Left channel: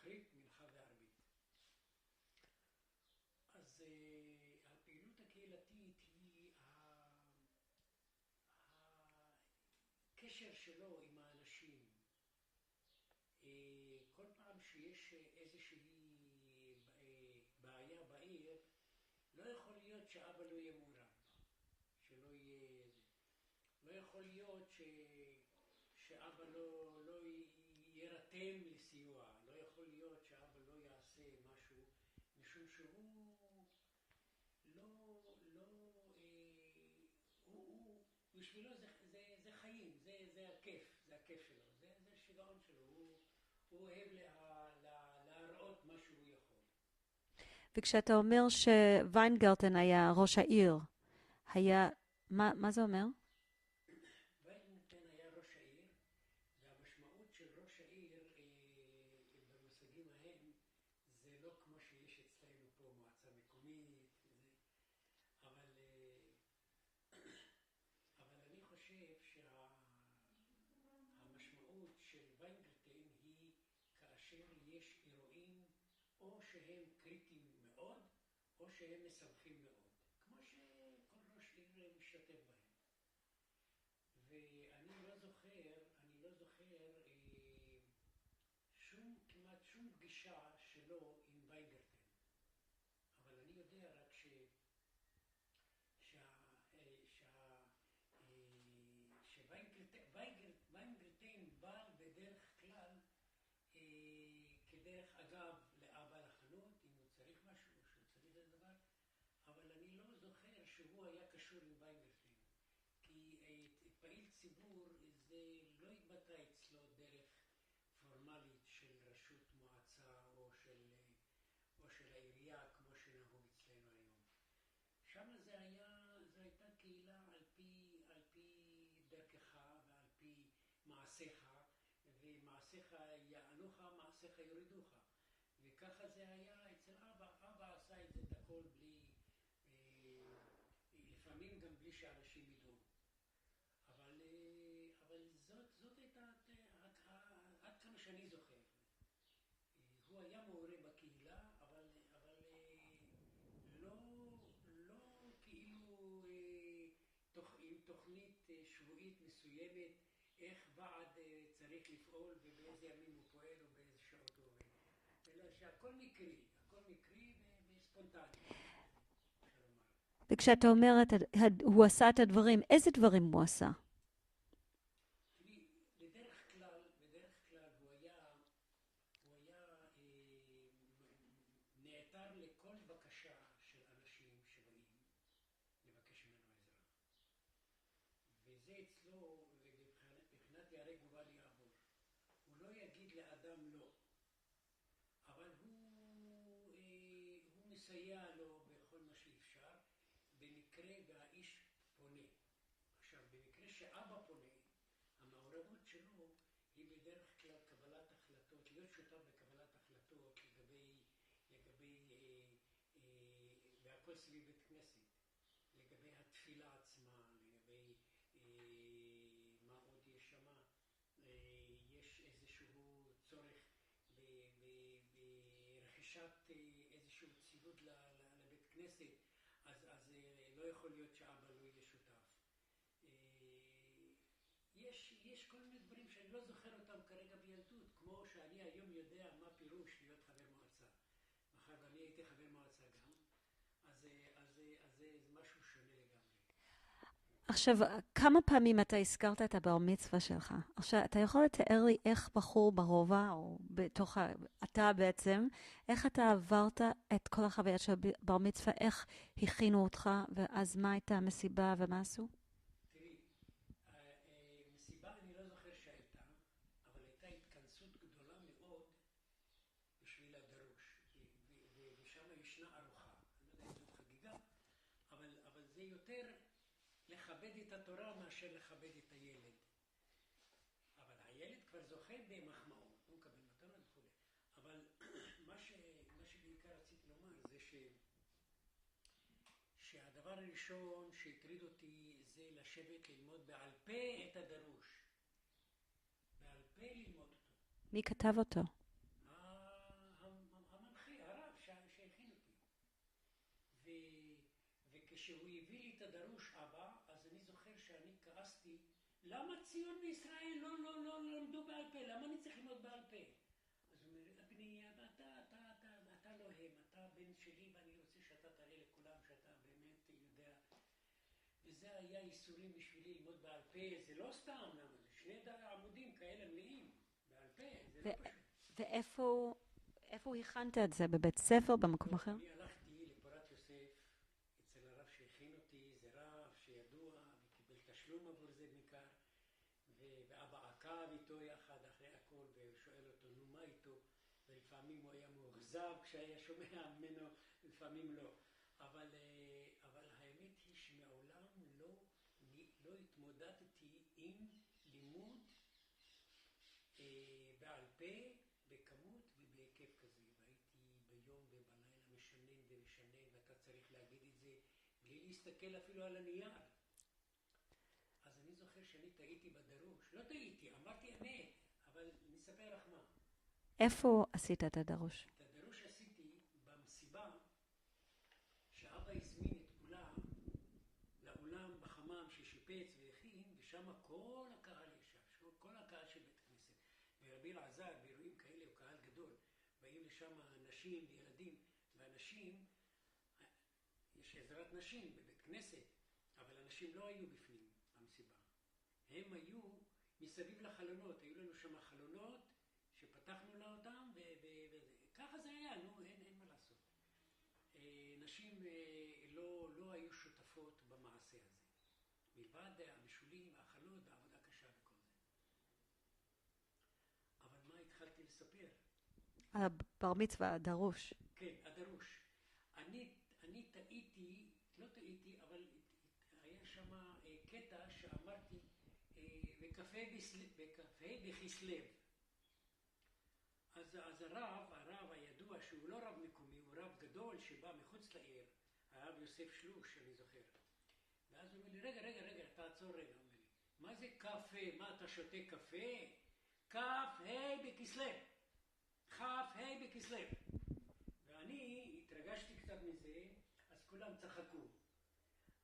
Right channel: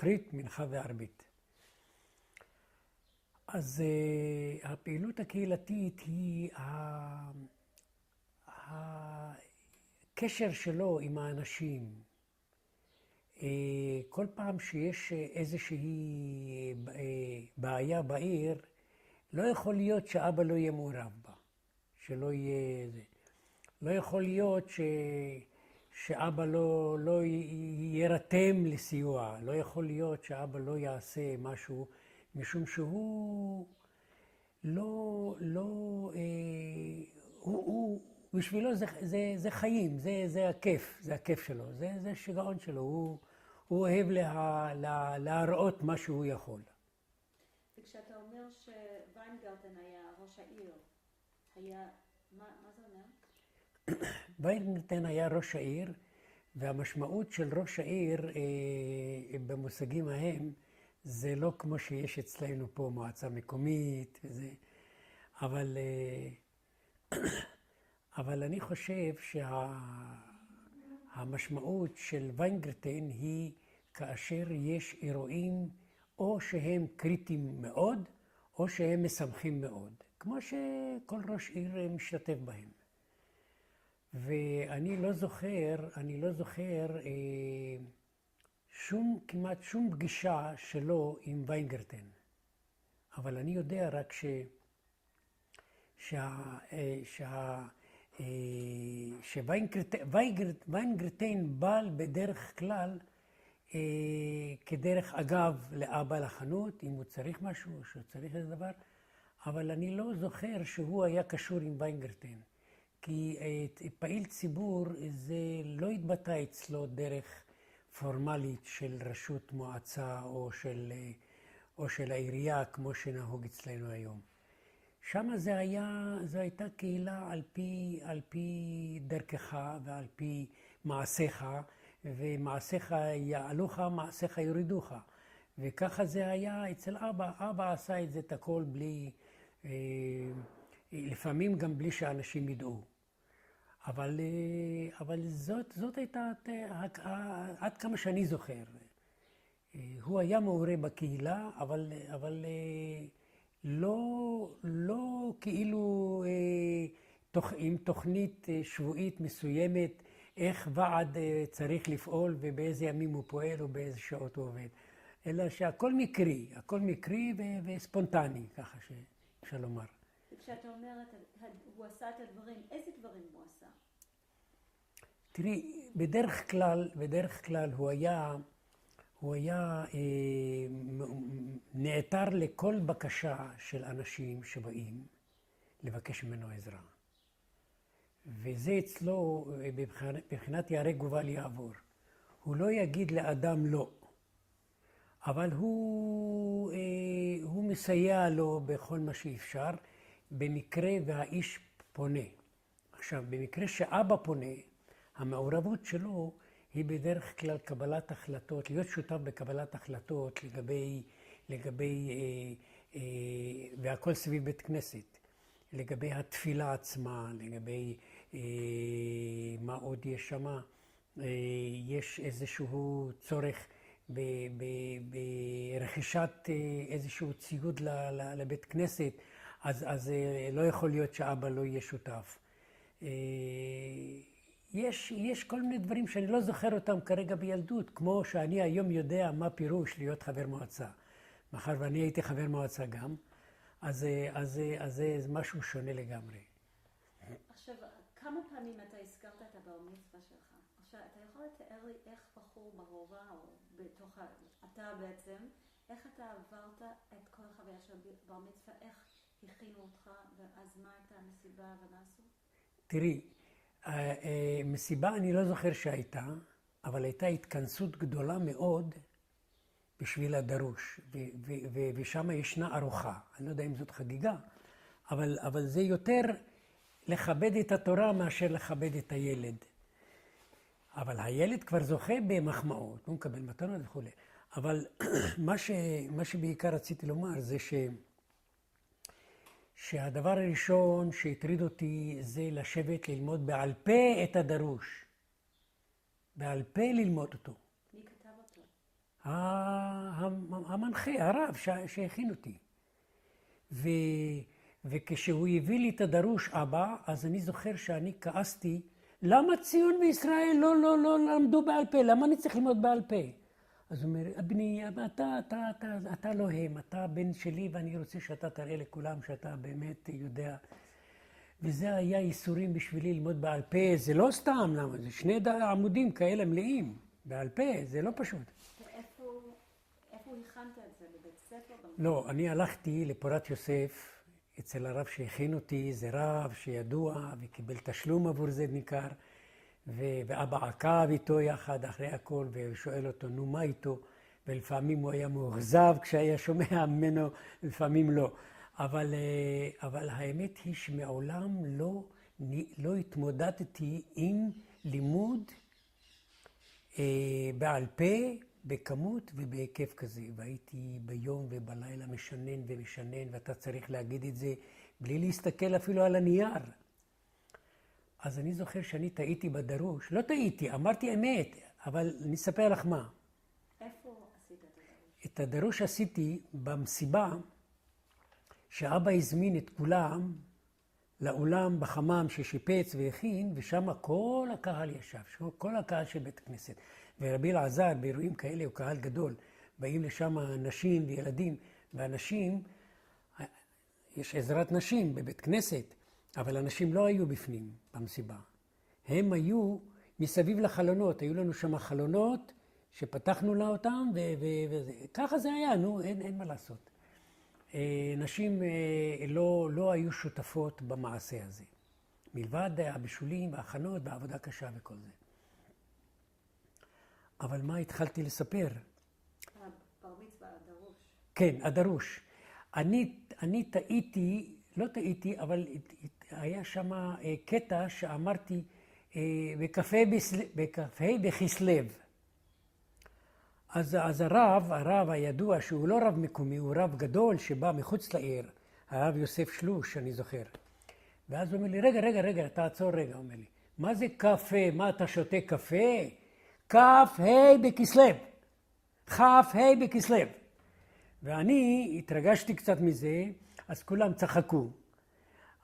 שחרית, מנחה וערבית. אז הפעילות הקהילתית היא הקשר שלו עם האנשים. כל פעם שיש איזושהי בעיה בעיר, לא יכול להיות שאבא לא יהיה מעורב בה, שלא יהיה זה. לא יכול להיות שאבא לא יירתם לסיוע, לא יכול להיות שאבא לא יעשה משהו, משום שהוא בשבילו זה חיים, זה הכיף, זה הכיף שלו, זה שיגעון שלו, הוא אוהב להראות מה שהוא יכול. וכשאתה אומר שוויינגרטן היה ראש העיר, מה זה אומר? ויינגרטן היה ראש העיר, והמשמעות של ראש העיר במושגים ההם, זה לא כמו שיש אצלנו פה מועצה מקומית וזה, אבל אני חושב שהמשמעות של ויינגרטן היא כאשר יש אירועים או שהם קריטיים מאוד, או שהם משמחים מאוד, כמו שכל ראש עיר משתתף בהם. ואני לא זוכר כמעט שום פגישה שלו עם ויינגרטן. אבל אני יודע רק שויינגרטן בא בדרך כלל כדרך אגב לאבא לחנות, אם הוא צריך משהו או שהוא צריך איזה דבר, אבל אני לא זוכר שהוא היה קשור עם ויינגרטן. כי פעיל ציבור זה לא התבטא אצלו דרך פורמלית של רשות מועצה או של העירייה כמו שנהוג אצלנו היום. שם זו הייתה קהילה על פי דרכך ועל פי מעשיך, ומעשיך יעלוך, מעשיך יורידוך. וככה זה היה אצל אבא. אבא עשה את זה את הכל בלי, לפעמים גם בלי שאנשים ידעו. אבל זאת הייתה, עד כמה שאני זוכר. הוא היה מעורה בקהילה, אבל לא כאילו עם תוכנית שבועית מסוימת, איך ועד צריך לפעול ובאיזה ימים הוא פועל ובאיזה שעות הוא עובד. אלא שהכל מקרי וספונטני, ככה שאפשר לומר. וכשאתה אומר, הוא עשה את הדברים, איזה דברים הוא עשה? תראי, בדרך כלל הוא היה נעתר לכל בקשה של אנשים שבאים לבקש ממנו עזרה. וזה אצלו, בבחינת יהרג ובל יעבור. הוא לא יגיד לאדם לא, אבל הוא מסייע לו בכל מה שאפשר, במקרה והאיש פונה. עכשיו, במקרה שאבא פונה, המעורבות שלו היא בדרך כלל קבלת החלטות, להיות שותף בקבלת החלטות לגבי והכל סביב בית כנסת, לגבי התפילה עצמה, לגבי מה עוד יש שם, יש איזשהו צורך ברכישת איזשהו ציוד לבית כנסת, אז לא יכול להיות שאבא לא יהיה שותף. יש כל מיני דברים שאני לא זוכר אותם כרגע בילדות, כמו שאני היום יודע מה פירוש להיות חבר מועצה. מאחר ואני הייתי חבר מועצה גם, אז זה משהו שונה לגמרי. עכשיו, כמה פעמים אתה הזכרת את הבר מצווה שלך? עכשיו, אתה יכול לתאר לי איך בחור ברובע, או אתה בעצם, איך אתה עברת את כל החוויה של בר מצווה, איך הכינו אותך, ואז מה הייתה המסיבה ומה עשו? תראי, מסיבה אני לא זוכר שהייתה, אבל הייתה התכנסות גדולה מאוד בשביל הדרוש, ושם ישנה ארוחה. אני לא יודע אם זאת חגיגה, אבל זה יותר לכבד את התורה מאשר לכבד את הילד. אבל הילד כבר זוכה במחמאות, הוא מקבל מתנות וכו'. אבל מה שבעיקר רציתי לומר זה שהדבר הראשון שהטריד אותי זה לשבת ללמוד בעל פה את הדרוש. בעל פה ללמוד אותו. מי כתב אותו? המנחה, הרב שהכין אותי. וכשהוא הביא לי את הדרוש אבא, אז אני זוכר שאני כעסתי, למה ציון וישראל לא למדו בעל פה? למה אני צריך ללמוד בעל פה? אז הוא אומר, בני, אתה לא הם, אתה בן שלי ואני רוצה שאתה תראה לכולם שאתה באמת יודע. וזה היה ייסורים בשבילי ללמוד בעל פה, זה לא סתם, למה? זה 2 עמודים כאלה מלאים, בעל פה, זה לא פשוט. ואיפה הכנת את זה? בבית ספר? במקום לא, אחר? אני הלכתי לפורת יוסף, אצל הרב שהכין אותי, זה רב שידוע וקיבל תשלום עבור זה ניכר, ואבא עקב איתו יחד אחרי הכל, ושואל אותו, נו מה איתו? ולפעמים הוא היה מאוכזב כשהיה שומע ממנו, לפעמים לא. אבל האמת היא שמעולם לא התמודדתי עם לימוד בעל פה, בכמות ובהיקף כזה. והייתי ביום ובלילה משנן ומשנן, ואתה צריך להגיד את זה בלי להסתכל אפילו על הנייר. אז אני זוכר שאני טעיתי בדרוש. לא טעיתי, אמרתי אמת, אבל אני אספר לך מה. איפה עשית את הדרוש? את הדרוש עשיתי במסיבה שאבא הזמין את כולם לאולם בחמם ששיפץ והכין, ושם כל הקהל ישב, כל הקהל של בית כנסת. ורבי אלעזר באירועים כאלה הוא קהל גדול, באים לשם נשים וילדים, ואנשים, יש עזרת נשים בבית כנסת, אבל אנשים לא היו בפנים במסיבה. הם היו מסביב לחלונות, היו לנו שם חלונות שפתחנו לה אותם, וככה זה היה, נו, אין מה לעשות. נשים לא היו שותפות במעשה הזה, מלבד הבישולים וההכנות והעבודה קשה וכל זה. אבל מה התחלתי לספר? הבר מצווה, הדרוש. כן, הדרוש. אני טעיתי, לא טעיתי, אבל היה שם קטע שאמרתי בקפה בכסלו. אז הרב הידוע שהוא לא רב מקומי, הוא רב גדול שבא מחוץ לעיר, הרב יוסף שלוש, אני זוכר. ואז הוא אומר לי, רגע, תעצור רגע, הוא אומר לי, מה זה קפה? מה אתה שותה קפה? כ"ה בכסלו. כ"ה בכסלו. ואני התרגשתי קצת מזה, אז כולם צחקו.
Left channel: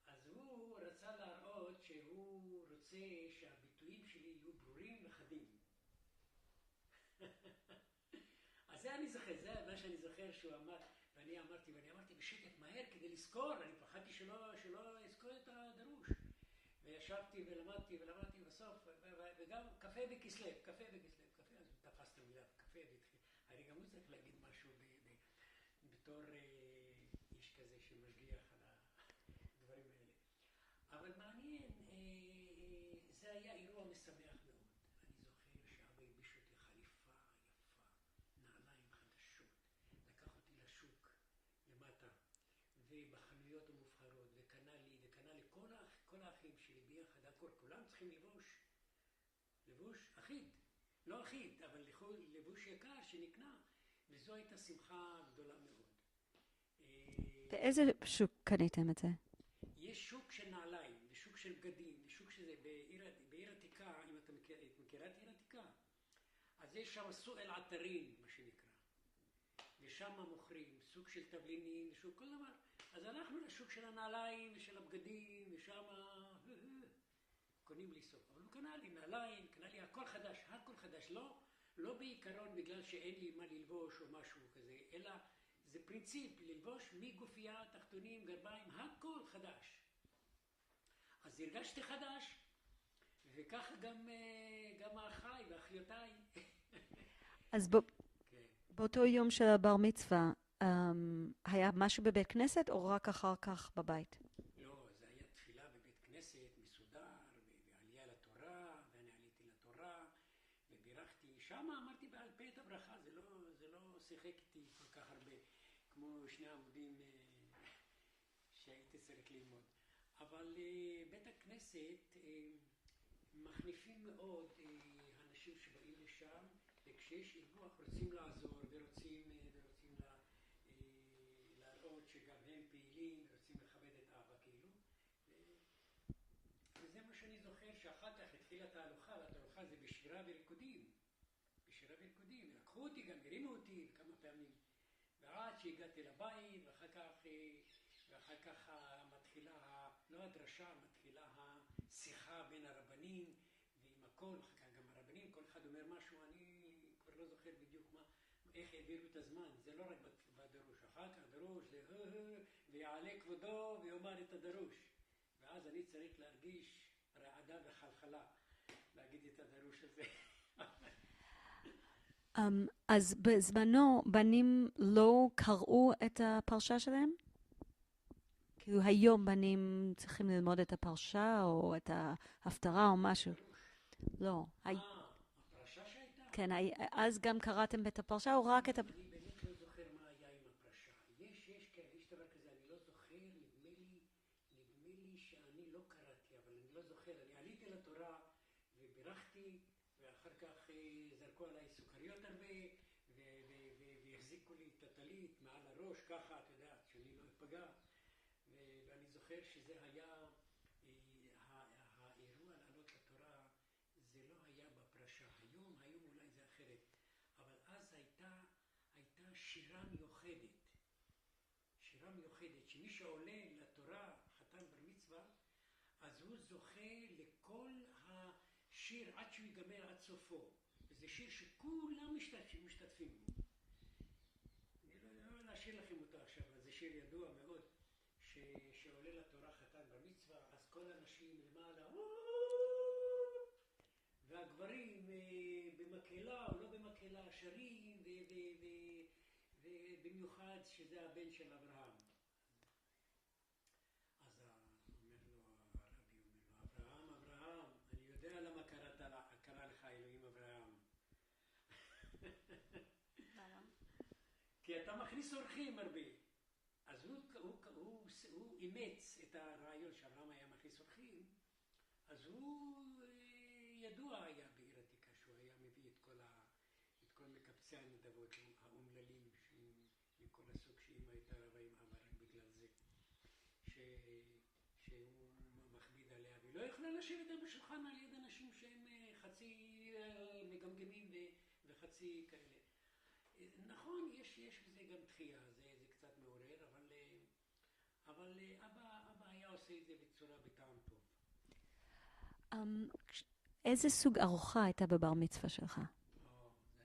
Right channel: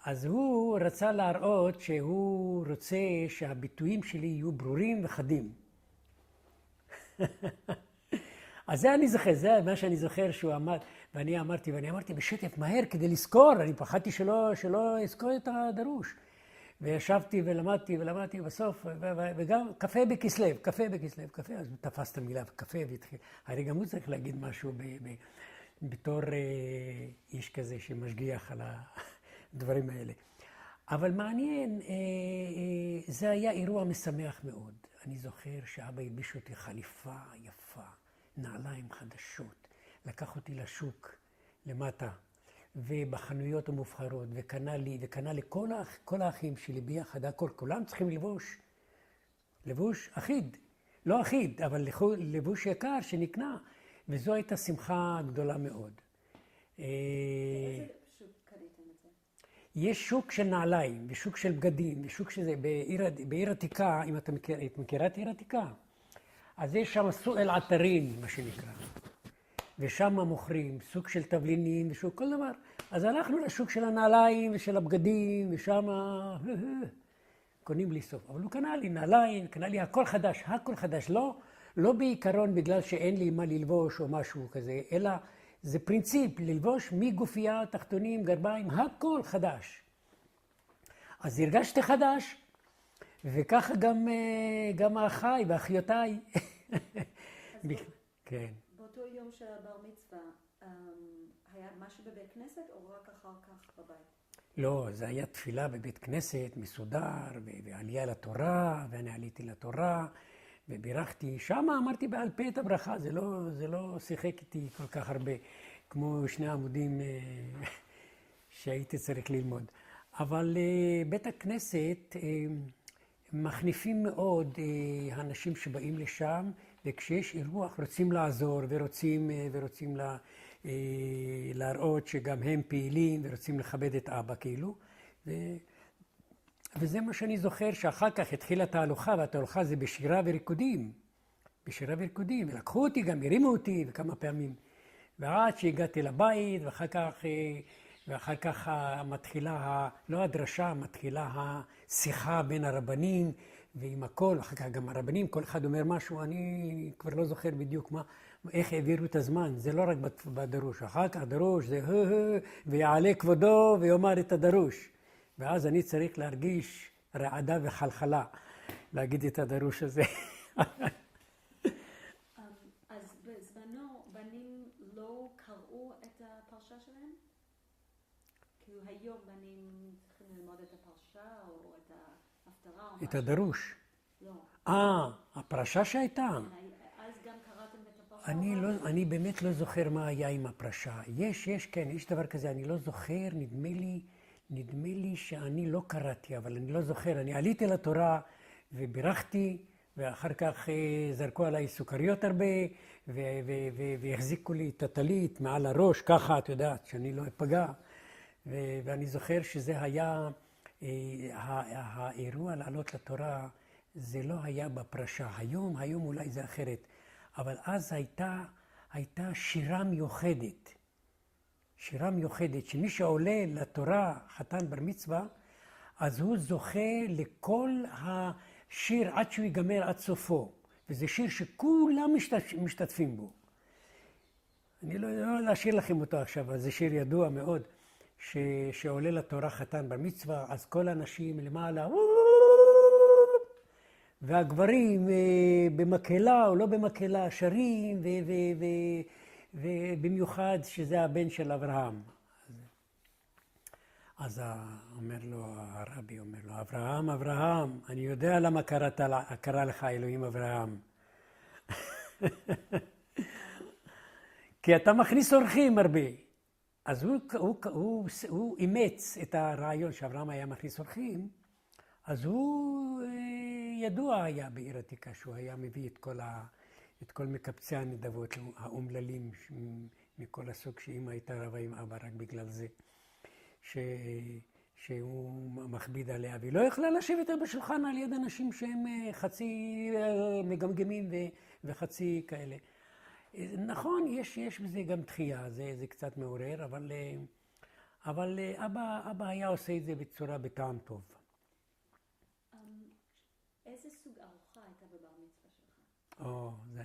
אז הוא רצה להראות שהוא רוצה שהביטויים שלי יהיו ברורים וחדים. אז זה אני זוכר, זה מה שאני זוכר שהוא אמר, ואני אמרתי בשטף מהר כדי לזכור, אני פחדתי שלא אזכור את הדרוש. וישבתי ולמדתי בסוף, וגם קפה בכסלו, אז תפס את המילה קפה והתחיל. הרי גם הוא צריך להגיד משהו בתור איש כזה שמשגיח על הדברים האלה. אבל מעניין, זה היה אירוע משמח מאוד. אני זוכר שאבא הלביש אותי חליפה יפה, נעליים חדשות, לקח אותי לשוק למטה, ובחנויות המובחרות, וקנה לכל האחים שלי ביחד, כולם צריכים לבוש אחיד, לא אחיד, אבל לבוש יקר שנקנה, וזו הייתה שמחה גדולה מאוד. באיזה שוק קניתם את זה? יש שוק של נעליים, ושוק של בגדים, ושוק שזה בעיר עתיקה, אם את מכירה את עיר עתיקה, אז יש שם סוג אל עטרין, מה שנקרא. ושם מוכרים סוג של תבלינים ושוק כל דבר. אז הלכנו לשוק של הנעליים ושל הבגדים, ושם קונים בלי סוף. אבל הוא קנה לי נעליים, קנה לי הכל חדש. לא בעיקרון בגלל שאין לי מה ללבוש או משהו כזה, אלא זה פרינציפ, ללבוש מגופייה, תחתונים, גרביים, הכל חדש. אז הרגשתי חדש, וככה גם האחיי ואחיותיי. אז כן. באותו יום של הבר מצווה, היה משהו בבית כנסת או רק אחר כך בבית? לא, זה היה תפילה בבית כנסת, מסודר, ועלייה לתורה, ואני עליתי לתורה, ובירכתי. שם אמרתי בעל פה את הברכה, זה לא שיחק איתי כל כך הרבה, כמו 2 עמודים שהייתי צריך ללמוד. אבל בית הכנסת מחניפים מאוד האנשים שבאים לשם, וכשיש אירוח רוצים לעזור ורוצים להראות שגם הם פעילים ורוצים לכבד את אבא כאילו. וזה מה שאני זוכר, שאחר כך התחילה תהלוכה, והתהלוכה זה בשירה וריקודים. בשירה וריקודים, ולקחו אותי, גם הרימו אותי וכמה פעמים. ועד שהגעתי לבית, ואחר כך מתחילה, לא הדרשה, מתחילה השיחה בין הרבנים ועם הכל, ואחר כך גם הרבנים, כל אחד אומר משהו, אני כבר לא זוכר בדיוק איך העבירו את הזמן, זה לא רק בדרוש, אחר כך דרוש זה ויעלה כבודו ויאמר את הדרוש. ואז אני צריך להרגיש רעדה וחלחלה, להגיד את הדרוש הזה. אז בזמנו בנים לא קראו את הפרשה שלהם? כאילו היום בנים צריכים ללמוד את הפרשה או את ההפטרה או משהו? את הדרוש. לא. הפרשה שהייתה? כן, אז גם קראתם את הפרשה או רק את... אני באמת לא זוכר מה היה עם הפרשה. כן, יש דבר כזה, אני לא זוכר, נדמה לי שאני לא קראתי, אבל אני לא זוכר. אני עליתי לתורה ובירכתי, ואחר כך זרקו עליי סוכריות הרבה, והחזיקו לי את הטלית מעל הראש, ככה, את יודעת, שאני לא אפגע. ואני זוכר שזה היה, האירוע לעלות לתורה, זה לא היה בפרשה. היום אולי זה אחרת. אבל אז הייתה שירה מיוחדת. שירה מיוחדת, שמי שעולה לתורה, חתן בר מצווה, אז הוא זוכה לכל השיר עד שהוא ייגמר עד סופו. וזה שיר שכולם משתתפים בו. אני לא להשאיר לכם אותו עכשיו, אבל זה שיר ידוע מאוד, שעולה לתורה חתן בר מצווה, אז כל האנשים למעלה, והגברים במקהלה או לא במקהלה שרים, ובמיוחד שזה הבן של אברהם. אז אומר לו, הרבי אומר לו, אברהם, אני יודע למה קרא לך אלוהים אברהם. כי אתה מכניס אורחים הרבה. אז הוא אימץ את הרעיון שאברהם היה מכניס אורחים, אז הוא ידוע היה בעיר עתיקה, שהוא היה מביא את כל מקבצי הנדבות, האומללים מכל הסוג, שאמא הייתה רבה עם אבא רק בגלל זה, שהוא מכביד עליה, והיא לא יכלה לשבת בשולחן על יד אנשים שהם חצי מגמגמים וחצי כאלה. נכון, יש בזה גם דחייה, זה קצת מעורר, אבל אבא היה עושה את זה בטעם טוב. איזה סוג ארוחה הייתה בבר מצווה שלך? זה...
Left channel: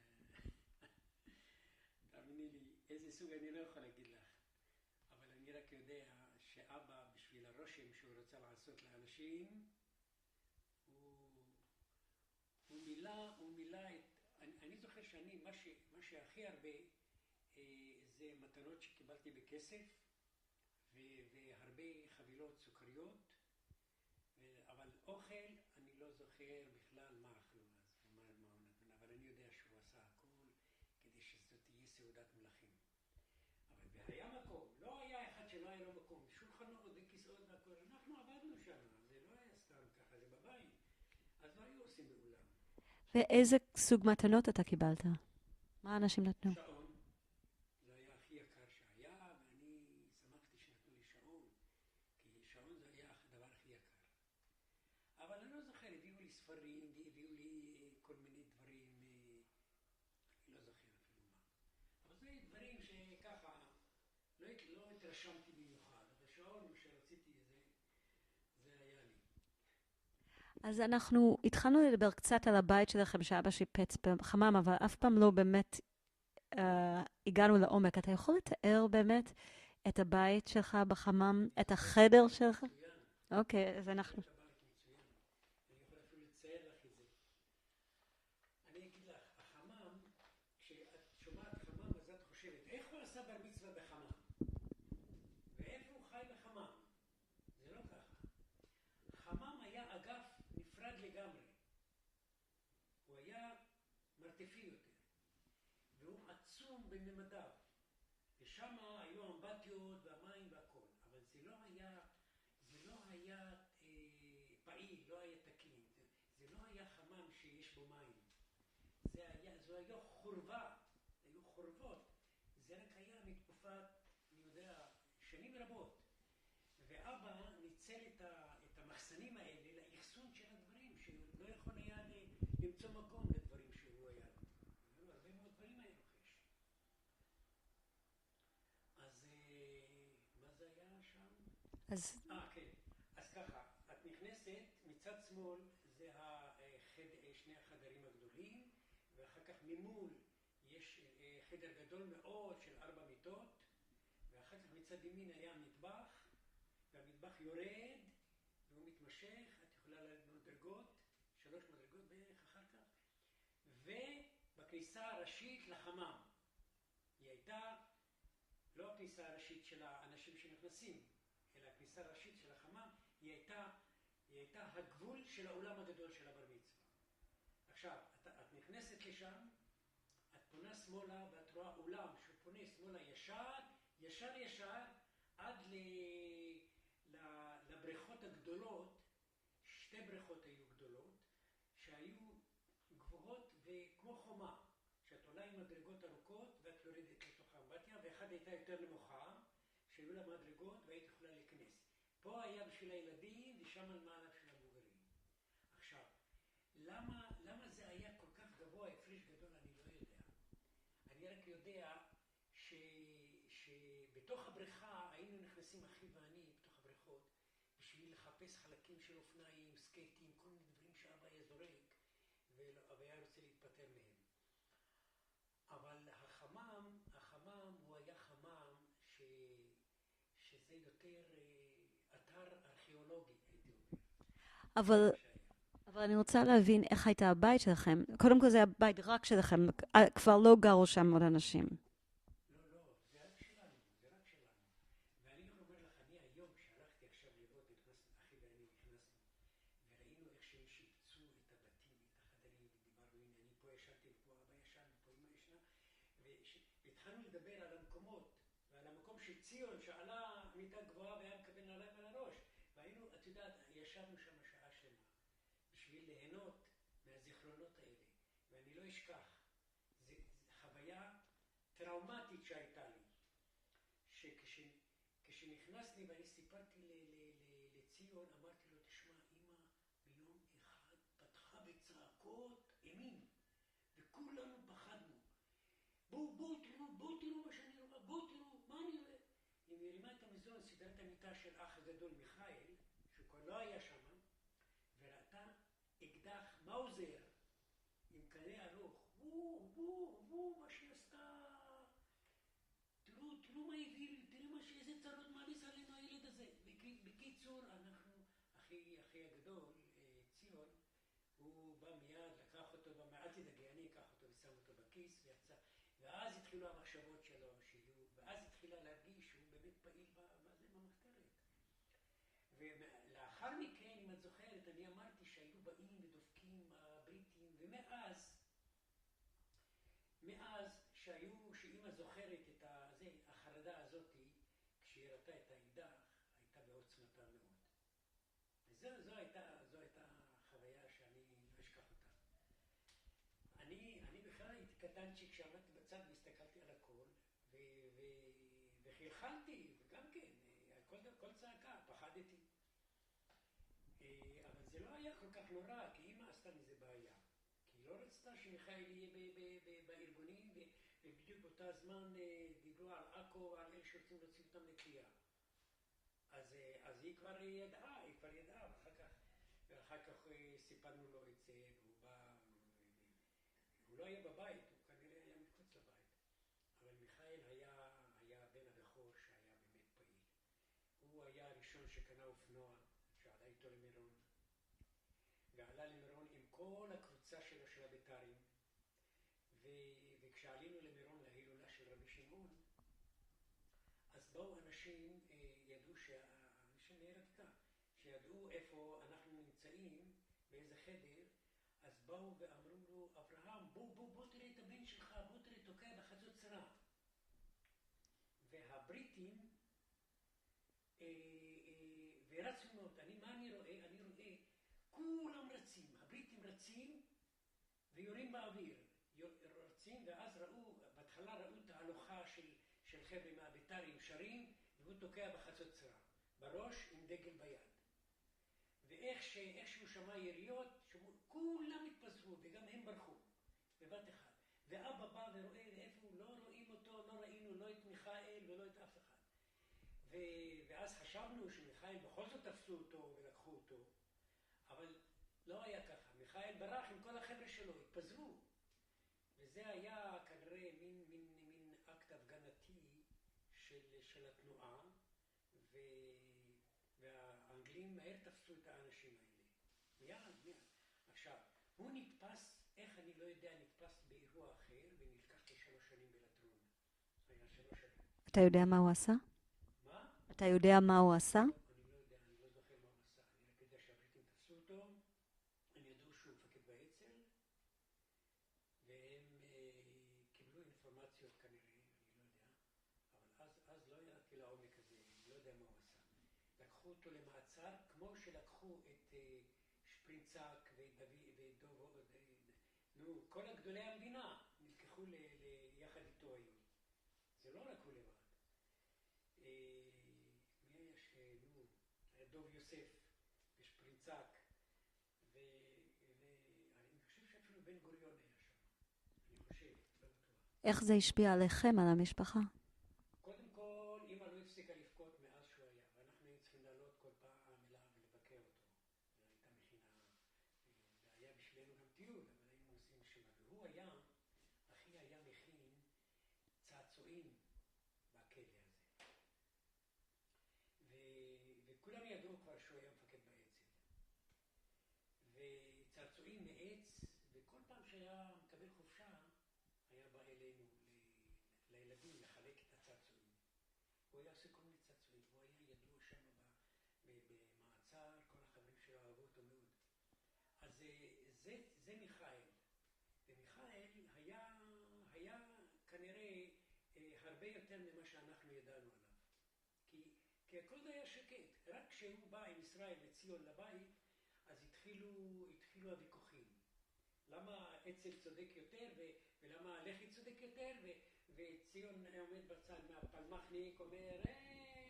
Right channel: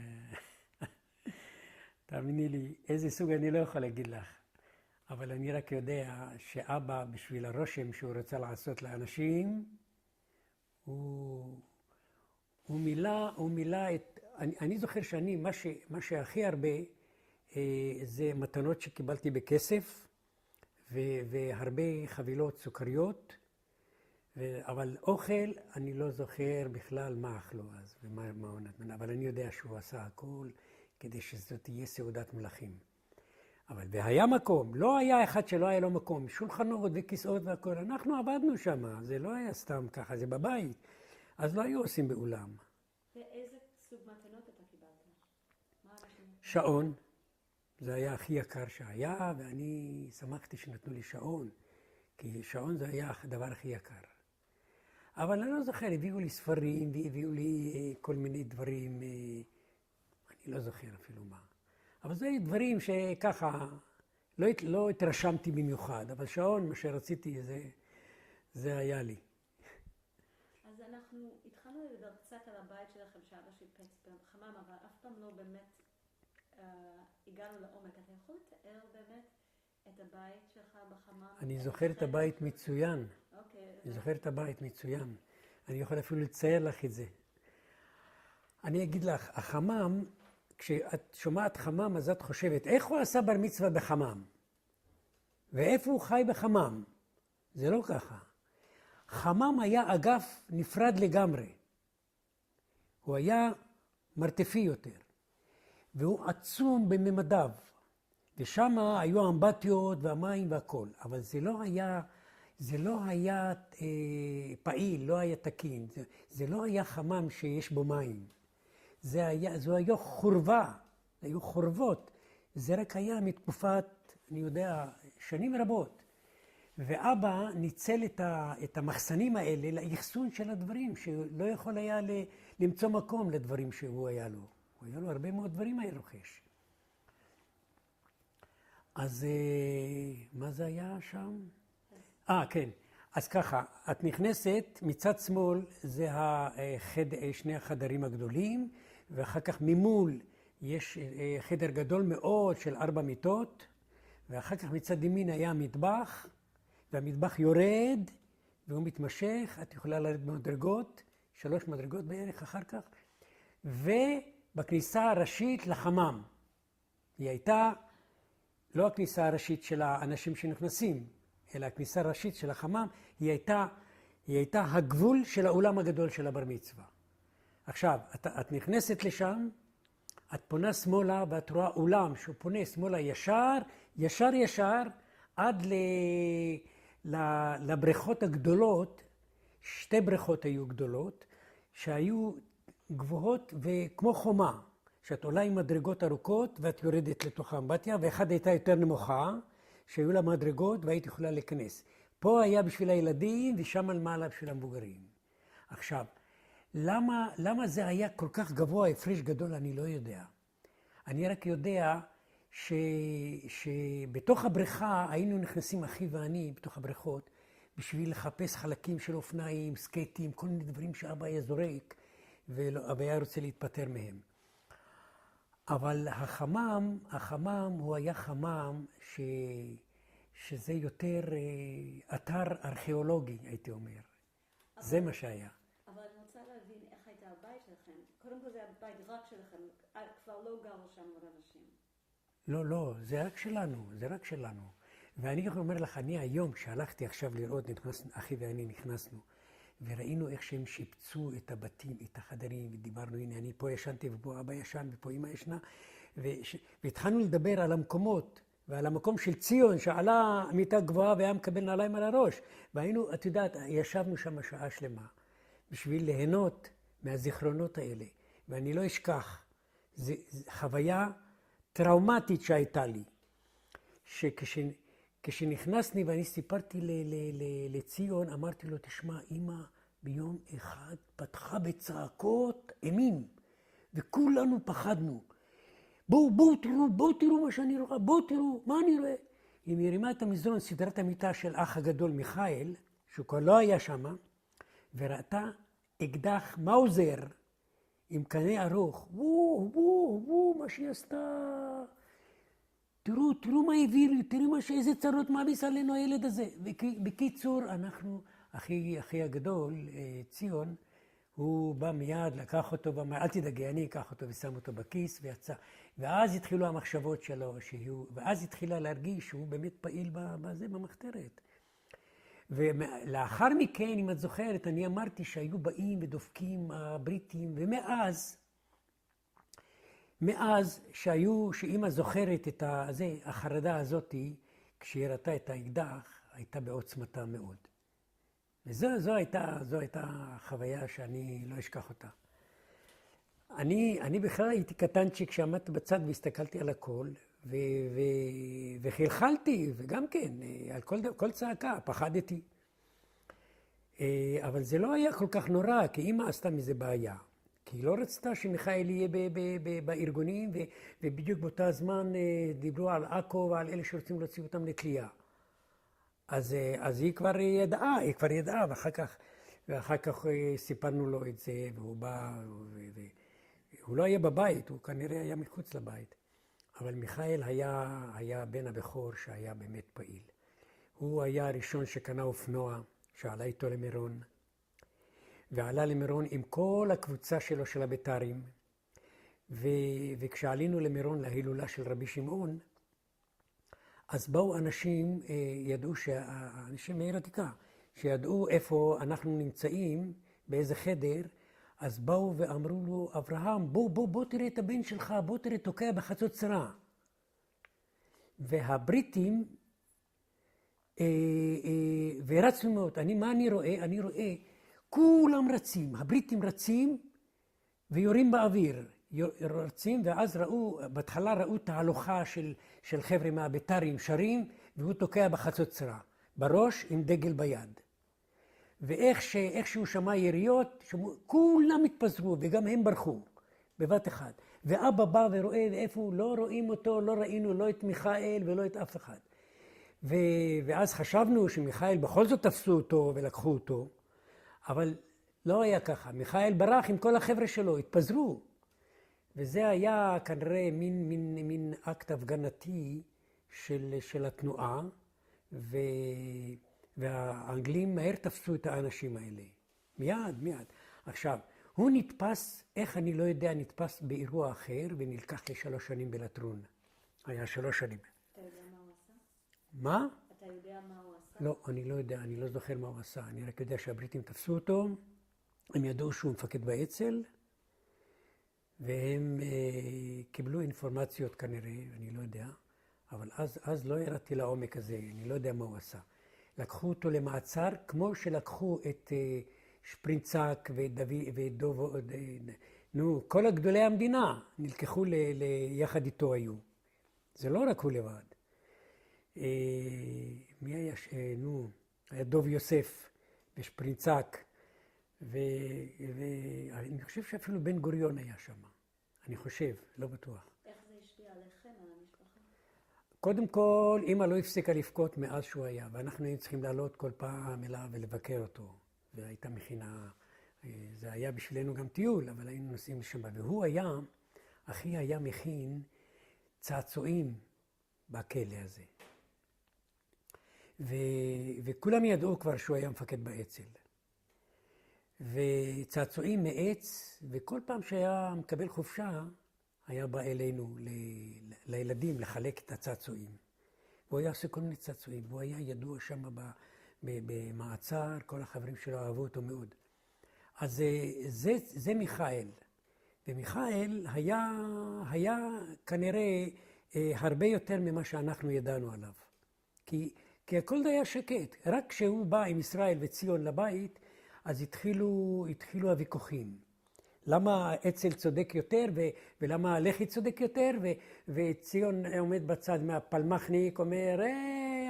תאמיני לי, איזה סוג אני לא יכול להגיד לך. אבל אני רק יודע שאבא, בשביל הרושם שהוא רוצה לעשות לאנשים, הוא מילא את... אני זוכר שאני, מה שהכי הרבה, זה מתנות שקיבלתי בכסף, והרבה חבילות סוכריות, אבל אוכל, אני לא זוכר בכלל מה אכלו אז, ומה הוא נתן, אבל אני יודע שהוא עשה הכל כדי שזאת תהיה סעודת מלכים. אבל והיה מקום, לא היה אחד שלא היה לו מקום, שולחנות וכיסאות והכל, אנחנו עבדנו שם, זה לא היה סתם ככה, זה בבית, אז לא היו עושים באולם. ואיזה סוג מתנות אתה קיבלת? מה אנשים נתנו? שעון, זה היה הכי יקר שהיה, ואני שמחתי שנתנו לי שעון, כי שעון זה היה הדבר הכי יקר. אבל אני לא זוכר, הביאו לי ספרים והביאו לי כל מיני דברים, אני לא זוכר אפילו מה. אבל זה דברים שככה, לא התרשמתי במיוחד, אבל שעון, מה שרציתי, זה היה לי. אז אנחנו התחלנו לדבר קצת על הבית שלכם שאבא שיפץ בחמם, אבל אף פעם לא באמת הגענו לעומק. אתה יכול לתאר באמת את הבית שלך בחמם, את החדר שלך? אני זוכר את הבית מצוין. אוקיי, אני זוכר את הבית מצוין. אני יכול אפילו לצייר לך את זה. אני אגיד לך, החמם, כשאת שומעת חמם, אז את חושבת, איך הוא עשה בר מצווה בחמם? ואיפה הוא חי בחמם? זה לא ככה. חמם היה אגף נפרד לגמרי. הוא היה מרתפי יותר. והוא עצום בממדיו. ושם היו האמבטיות והמים והכל. אבל זה לא היה פעיל, לא היה תקין. זה לא היה חמם שיש בו מים. זו היה חורבה, היו חורבות. זה רק היה מתקופת, אני יודע, שנים רבות. ואבא ניצל את המחסנים האלה לאחסון של הדברים, שלא יכול היה למצוא מקום לדברים שהוא היה לו. היה לו הרבה מאוד דברים היה רוכש. אז מה זה היה שם? כן. אז ככה, את נכנסת, מצד שמאל זה שני החדרים הגדולים, ואחר כך ממול יש חדר גדול מאוד של 4 מיטות, ואחר כך מצד ימין היה מטבח, והמטבח יורד, והוא מתמשך, את יכולה לרדת במדרגות, 3 מדרגות בערך אחר כך, ובכניסה הראשית לחמם. היא הייתה לא הכניסה הראשית של האנשים שנכנסים, אלא הכניסה הראשית של החמם, היא הייתה הגבול של האולם הגדול של הבר מצווה. עכשיו, את נכנסת לשם, את פונה שמאלה ואת רואה אולם שהוא פונה שמאלה ישר, עד לבריכות הגדולות, 2 בריכות היו גדולות, שהיו גבוהות וכמו חומה, שאת עולה עם מדרגות ארוכות ואת יורדת לתוך האמבטיה, ואחד הייתה יותר נמוכה, שהיו לה מדרגות והיית יכולה להיכנס. פה היה בשביל הילדים ושם על מעלה בשביל המבוגרים. עכשיו, למה זה היה כל כך גבוה, הפרש גדול, אני לא יודע. אני רק יודע שבתוך הבריכה היינו נכנסים אחי ואני בתוך הבריכות, בשביל לחפש חלקים של אופניים, סקייטים, כל מיני דברים שאבא היה זורק, ואבא היה רוצה להתפטר מהם. אבל החמם הוא היה חמם שזה יותר אתר ארכיאולוגי, הייתי אומר. זה מה שהיה. אבל אני רוצה להבין איך הייתה הבית שלכם. קודם כל זה הבית רק שלכם, כבר לא גרו שם עוד אנשים. לא, זה רק שלנו. ואני אומר לך, אני היום שהלכתי עכשיו לראות, אחי ואני נכנסנו, וראינו איך שהם שיפצו את הבתים, את החדרים, ודיברנו, הנה, אני פה ישנתי, ופה אבא ישן, ופה אמא ישנה, והתחלנו לדבר על המקומות, ועל המקום של ציון, שעלה מיטה גבוהה והיה מקבל נעליים על הראש. והיינו, את יודעת, ישבנו שם שעה שלמה, בשביל ליהנות מהזיכרונות האלה. ואני לא אשכח, זו חוויה טראומטית שהייתה לי, כשנכנסני ואני סיפרתי לציון, אמרתי לו, תשמע, אמא ביום אחד פתחה בצעקות אימים, וכולנו פחדנו. בואו תראו מה שאני רואה, בואו תראו, מה אני רואה? היא מרימה את המזרון, סדרת המיטה של אח הגדול מיכאל, שהוא כבר לא היה שם, וראתה אקדח מאוזר עם קנה ארוך. וואו, מה שהיא עשתה. תראו מה הביא לי, תראו איזה צרות מעמיס עלינו הילד הזה. בקיצור, אנחנו, אחי הגדול, ציון, הוא בא מיד, לקח אותו, אל תדאגי, אני אקח אותו ושם אותו בכיס ויצא. ואז התחילו המחשבות שלו, ואז התחילה להרגיש שהוא באמת פעיל במחתרת. ולאחר מכן, אם את זוכרת, אני אמרתי שהיו באים ודופקים הבריטים, ומאז שאמא זוכרת את החרדה הזאת, כשהיא ראתה את האקדח, הייתה בעוצמתה מאוד. וזו הייתה חוויה שאני לא אשכח אותה. אני בכלל הייתי קטנצ'יק כשעמדתי בצד והסתכלתי על הכל, וחלחלתי, וגם כן, על כל צעקה, פחדתי. אבל זה לא היה כל כך נורא, כי אמא עשתה מזה בעיה. כי היא לא רצתה שמיכאל יהיה בארגונים, ובדיוק באותה זמן דיברו על עכו ועל אלה שרוצים להוציא אותם לתלייה. אז היא כבר ידעה, ואחר כך סיפרנו לו את זה, והוא בא, הוא לא היה בבית, הוא כנראה היה מחוץ לבית. אבל מיכאל היה בן הבכור שהיה באמת פעיל. הוא היה הראשון שקנה אופנוע, שעלה איתו למירון, ועלה למירון עם כל הקבוצה שלו של הבית"רים, וכשעלינו למירון להילולה של רבי שמעון, אז באו אנשים, ידעו אנשים מעיר עתיקה, שידעו איפה אנחנו נמצאים, באיזה חדר, אז באו ואמרו לו, אברהם, בוא תראה את הבן שלך, בוא תראה, תוקע בחצוצרה. והבריטים, ורצנו מאוד, מה אני רואה? אני רואה, כולם רצים, הבריטים רצים ויורים באוויר. רצים, ואז בהתחלה ראו תהלוכה של חבר'ה מהבית"רים שרים, והוא תוקע בחצוצרה, בראש עם דגל ביד. ואיך שהוא שמע יריות, כולם התפזרו, וגם הם ברחו, בבת אחד. ואבא בא ורואה איפה לא רואים אותו, לא ראינו לא את מיכאל ולא את אף אחד. ואז חשבנו שמיכאל בכל זאת תפסו אותו ולקחו אותו, אבל לא היה ככה. מיכאל ברח עם כל החבר'ה שלו, התפזרו. וזה היה כנראה מין אקט הפגנתי של התנועה, והאנגלים מהר תפסו את האנשים האלה. מיד. עכשיו, הוא נתפס, איך אני לא יודע, נתפס באירוע אחר ונלקח ל3 שנים בלטרון. היה 3 שנים. אתה יודע מה הוא עשה? מה? אתה יודע מה הוא עשה? לא, אני לא יודע, אני לא זוכר מה הוא עשה. אני רק יודע שהבריטים תפסו אותו, הם ידעו שהוא מפקד באצ"ל, והם קיבלו אינפורמציות כנראה, אני לא יודע, אבל אז לא ירדתי לעומק הזה, אני לא יודע מה הוא עשה. לקחו אותו למעצר, כמו שלקחו את שפרינצק ודוב, כל הגדולי המדינה נלקחו יחד איתו היו. זה לא רק הוא לבד. מי היה? היה דוב יוסף ושפרינצק, ואני חושב שאפילו בן גוריון היה שם. אני חושב, לא בטוח. איך זה השפיע עליכם, על המשפחה? קודם כל, אמא לא הפסיקה לבכות מאז שהוא היה, ואנחנו היינו צריכים לעלות כל פעם אליו ולבקר אותו. והייתה מכינה, זה היה בשבילנו גם טיול, אבל היינו נוסעים לשם. והוא היה, אחי היה מכין צעצועים בכלא הזה. וכולם ידעו כבר שהוא היה מפקד באצ"ל. וצעצועים מעץ, וכל פעם שהיה מקבל חופשה, היה בא אלינו לילדים לחלק את הצעצועים. והוא היה עושה כל מיני צעצועים, והוא היה ידוע שם במעצר, כל החברים שלו אהבו אותו מאוד. אז זה מיכאל. ומיכאל היה כנראה הרבה יותר ממה שאנחנו ידענו עליו. כי הכל היה שקט. רק כשהוא בא עם ישראל וציון לבית, אז התחילו הוויכוחים. למה אצ"ל צודק יותר, ולמה לח"י צודק יותר, וציון עומד בצד מהפלמחניק, אומר,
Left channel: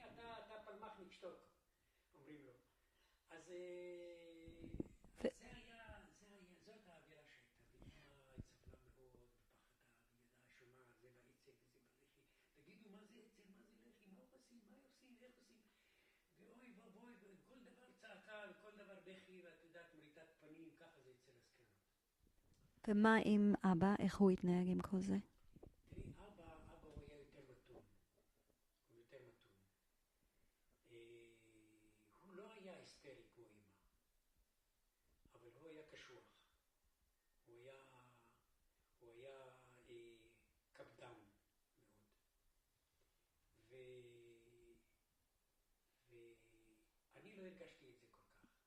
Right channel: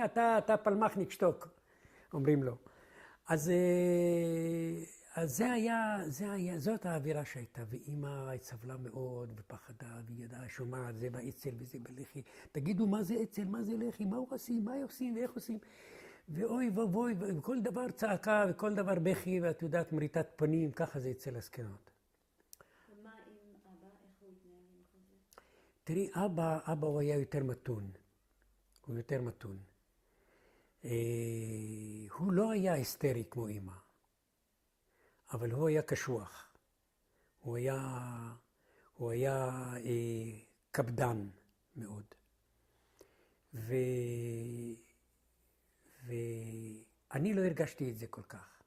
אתה פלמחניק, שתוק, אומרים לו. אז זאת האווירה שהייתה, ואמא סבלה מאוד ופחדה, והיא ידעה, שומעת, זה באצ"ל וזה בלח"י. תגידו, מה זה אצ"ל, מה זה לח"י, מה עושים, מה עושים ואיך עושים? ואוי ובוי, וכל דבר צעקה וכל דבר בכי, ואת יודעת, מריטת פנים, ככה זה אצל הזקנות. ומה עם אבא? איך הוא התנהג עם כל זה? תראי, אבא הוא היה יותר מתון. הוא יותר מתון. הוא לא היה היסטרי כמו אמא, אבל הוא היה קשוח. הוא היה קפדן מאוד. ואני לא הרגשתי את זה כל כך.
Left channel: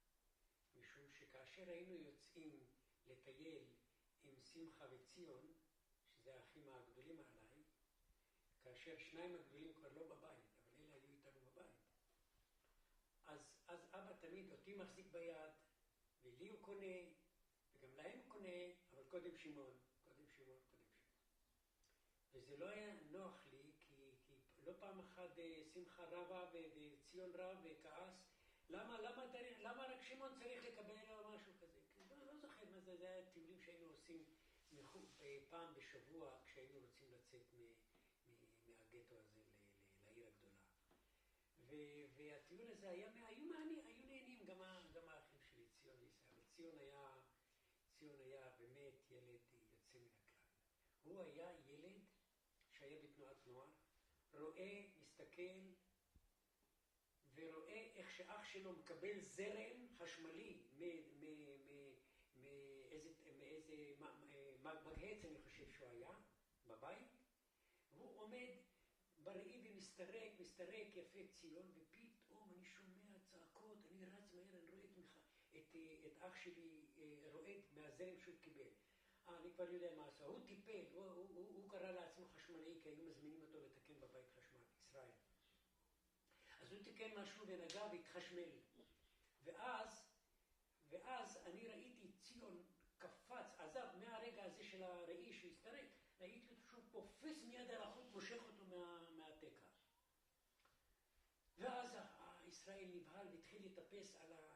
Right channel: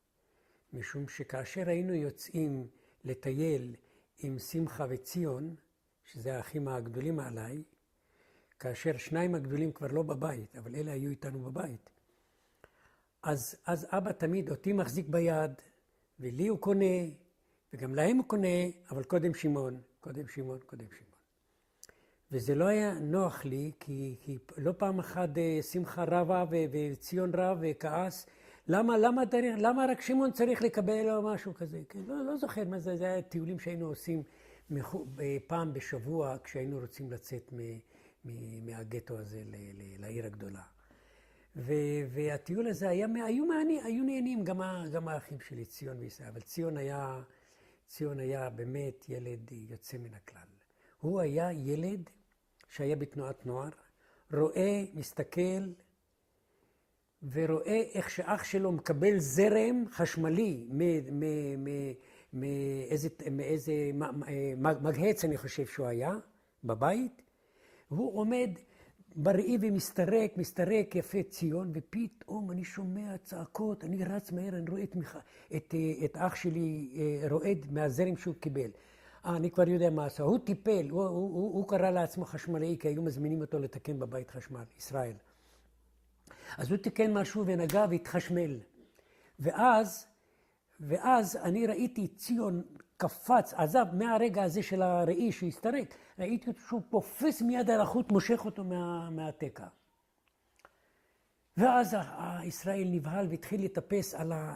משום שכאשר היינו יוצאים לטייל עם שמחה וציון, שזה האחים הגדולים עליי, כאשר 2 הגדולים כבר לא בבית, אבל אלה היו איתנו בבית. אז אבא תמיד אותי מחזיק ביד, ולי הוא קונה, וגם להם הוא קונה, אבל קודם שמעון. וזה לא היה נוח לי, כי לא פעם אחת שמחה רבה וציון רב וכעס, למה רק שמעון צריך לקבל או משהו כזה? לא זוכר מה זה, זה היה טיולים שהיינו עושים פעם בשבוע, כשהיינו רוצים לצאת מהגטו הזה לעיר הגדולה. והטיול הזה היו נהנים גם האחים שלי, ציון וישראל, אבל ציון היה באמת ילד יוצא מן הכלל. הוא היה ילד שהיה בתנועת נוער, רואה, מסתכל, ורואה איך שאח שלו מקבל זרם חשמלי מאיזה מגהץ, אני חושב שהוא היה, בבית. הוא עומד בראי ומסתרק יפה ציון, ופתאום אני שומע צעקות, אני רץ מהר, אני רואה את אח שלי רועד מהזרם שהוא קיבל. אני כבר יודע מה עשה. הוא טיפל, הוא קרא לעצמו חשמלאי, כי היו מזמינים אותו לתקן בבית חשמל, ישראל. אז הוא תיקן משהו ונגע והתחשמל. ואז אני ראיתי ציון קפץ, עזב מהרגע הזה של הראי שהסתרק, ראיתי שהוא פופס מיד על החוט, מושך אותו מהתקע. ואז ישראל נבהל והתחיל לטפס